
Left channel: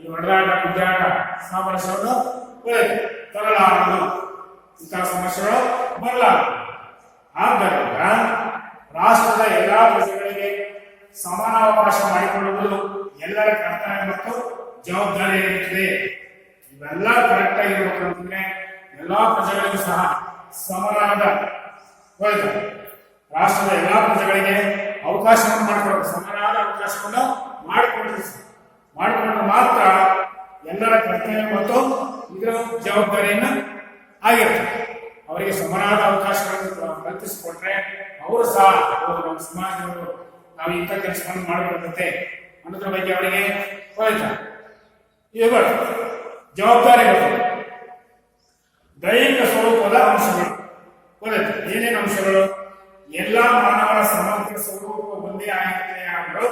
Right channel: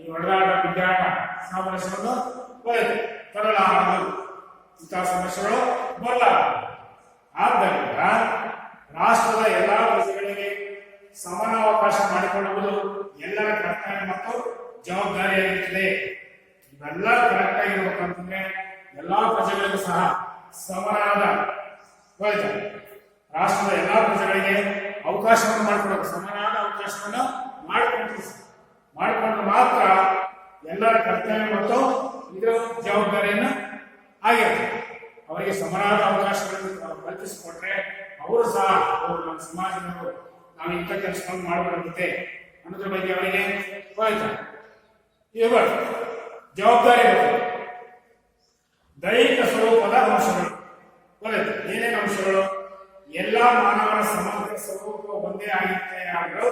ಈ ಹೊಡೆದಾಟ ಗುಡ್ಡಾಟ ಸಾಮರಸ್ಯವನ್ನು ಹೋಯ್ತು ತರಲಾರದು, ಇಂತಹ ಸಮಸ್ಯೆಗಳು ಬರಲಾರದು. ಆದ್ದರಿಂದ ರಾಷ್ಟ್ರದ ಎಲ್ಲಾ ಪ್ರಜೆಗಳಿಗೆ ಸಮಾನಾವಕಾಶ ಮಾಡಿಕೊಳ್ಳುವುದು ಎಲ್ಲರ ಕರ್ತವ್ಯ ಮತ್ತು ಜವಾಬ್ದಾರಿಯಾಗಿರುತ್ತದೆ. ಇವೆಲ್ಲ ಕರೆಕ್ಟ್ ಆಗಿರ್ಬೇಕಂತಂದ್ರೆ ಎಲ್ಲಾ ಪ್ರಜೆಗಳಿಗೂ ಸಹ ಸಮನಾದ ಹೋಯ್ತು ರಾಷ್ಟ್ರದ ಎಲ್ಲಾ ಪ್ರಜೆಗಳಿಗೆ ಅವಕಾಶವನ್ನು ಮಾಡಿಕೊಡಬೇಕು, ಸಮನಾದ ಅವಕಾಶವನ್ನು ಮಾಡಿಕೊಂಡ್ರೆ ಮಾತ್ರ ಎಲ್ಲರ ಕರ್ತವ್ಯ ಮತ್ತು ಇದರ ಜವಾಬ್ದಾರಿಯನ್ನು ಆಗಿರುತ್ತೆ. ಅವರಿಗೆ ಸಮನಾದ ಅವಕಾಶಗಳನ್ನು ಕಲ್ಪಿಸಿಕೊಟ್ರೆ ಅವರು ಸಹ ನಮ್ಮ ಸಮಾಜದವರು ನಾವು ಇಂಥ ಕೆಲಸವನ್ನು ಮಾಡಬಾರದಂತೆ ಅನ್ನೋದ್ರ ಬಗ್ಗೆ ಅವರಿಗೆ ಹೋಯ್ತಾ ಇದು ಬರ್ತದೆ, ಜವಾಬ್ದಾರಿ ಬರ್ತದೆ. ದೈಹಿಕ ಸ್ವರೂಪದ ಅಂಶಗಳು ಗೊತ್ತಾಯ್ತು. ಏನೇನು ಅಂಶಗಳು? ಎಲ್ಲ ಮಾನವರ ಸಮಗ್ರ ಸ್ವರೂಪ ಒಂದೇ ಆಗಿದೆಯಾದರೂ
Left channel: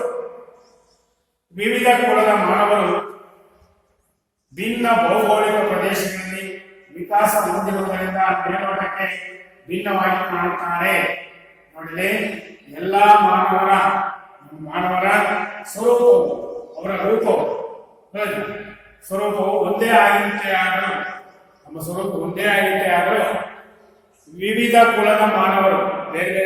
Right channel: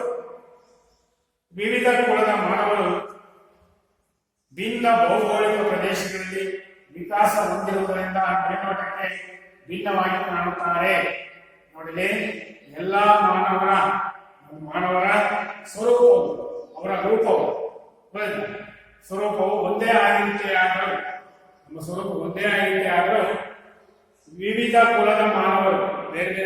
ವಿವಿಧ ಕುಲದ ಮಾನವರು ಭಿನ್ನ ಭೌಗೋಳಿಕ ಪ್ರದೇಶಗಳಲ್ಲಿ ವಿಕಾಸ ಹೊಂದಿರುವುದರಿಂದ ಮೇಲ್ನೋಟಕ್ಕೆ ಭಿನ್ನವಾಗಿ ಕಾಣುತ್ತಾರೆ. ನೋಡಲಿ, ಎಲ್ಲ ಮಾನವರ ಸ್ವರೂಪವು ಅವರ ರೂಪವು ಸ್ವರೂಪವು ಒಂದೇ ಆಗಿದೆಯಾದರೂ ನಮ್ಮ ಸ್ವರೂಪ ಒಂದೇ ಆಗಿದೆಯಾದರೂ ವಿವಿಧ ಕುಲದ ಮಾನವರು ಬೇರೆ ಬೇರೆ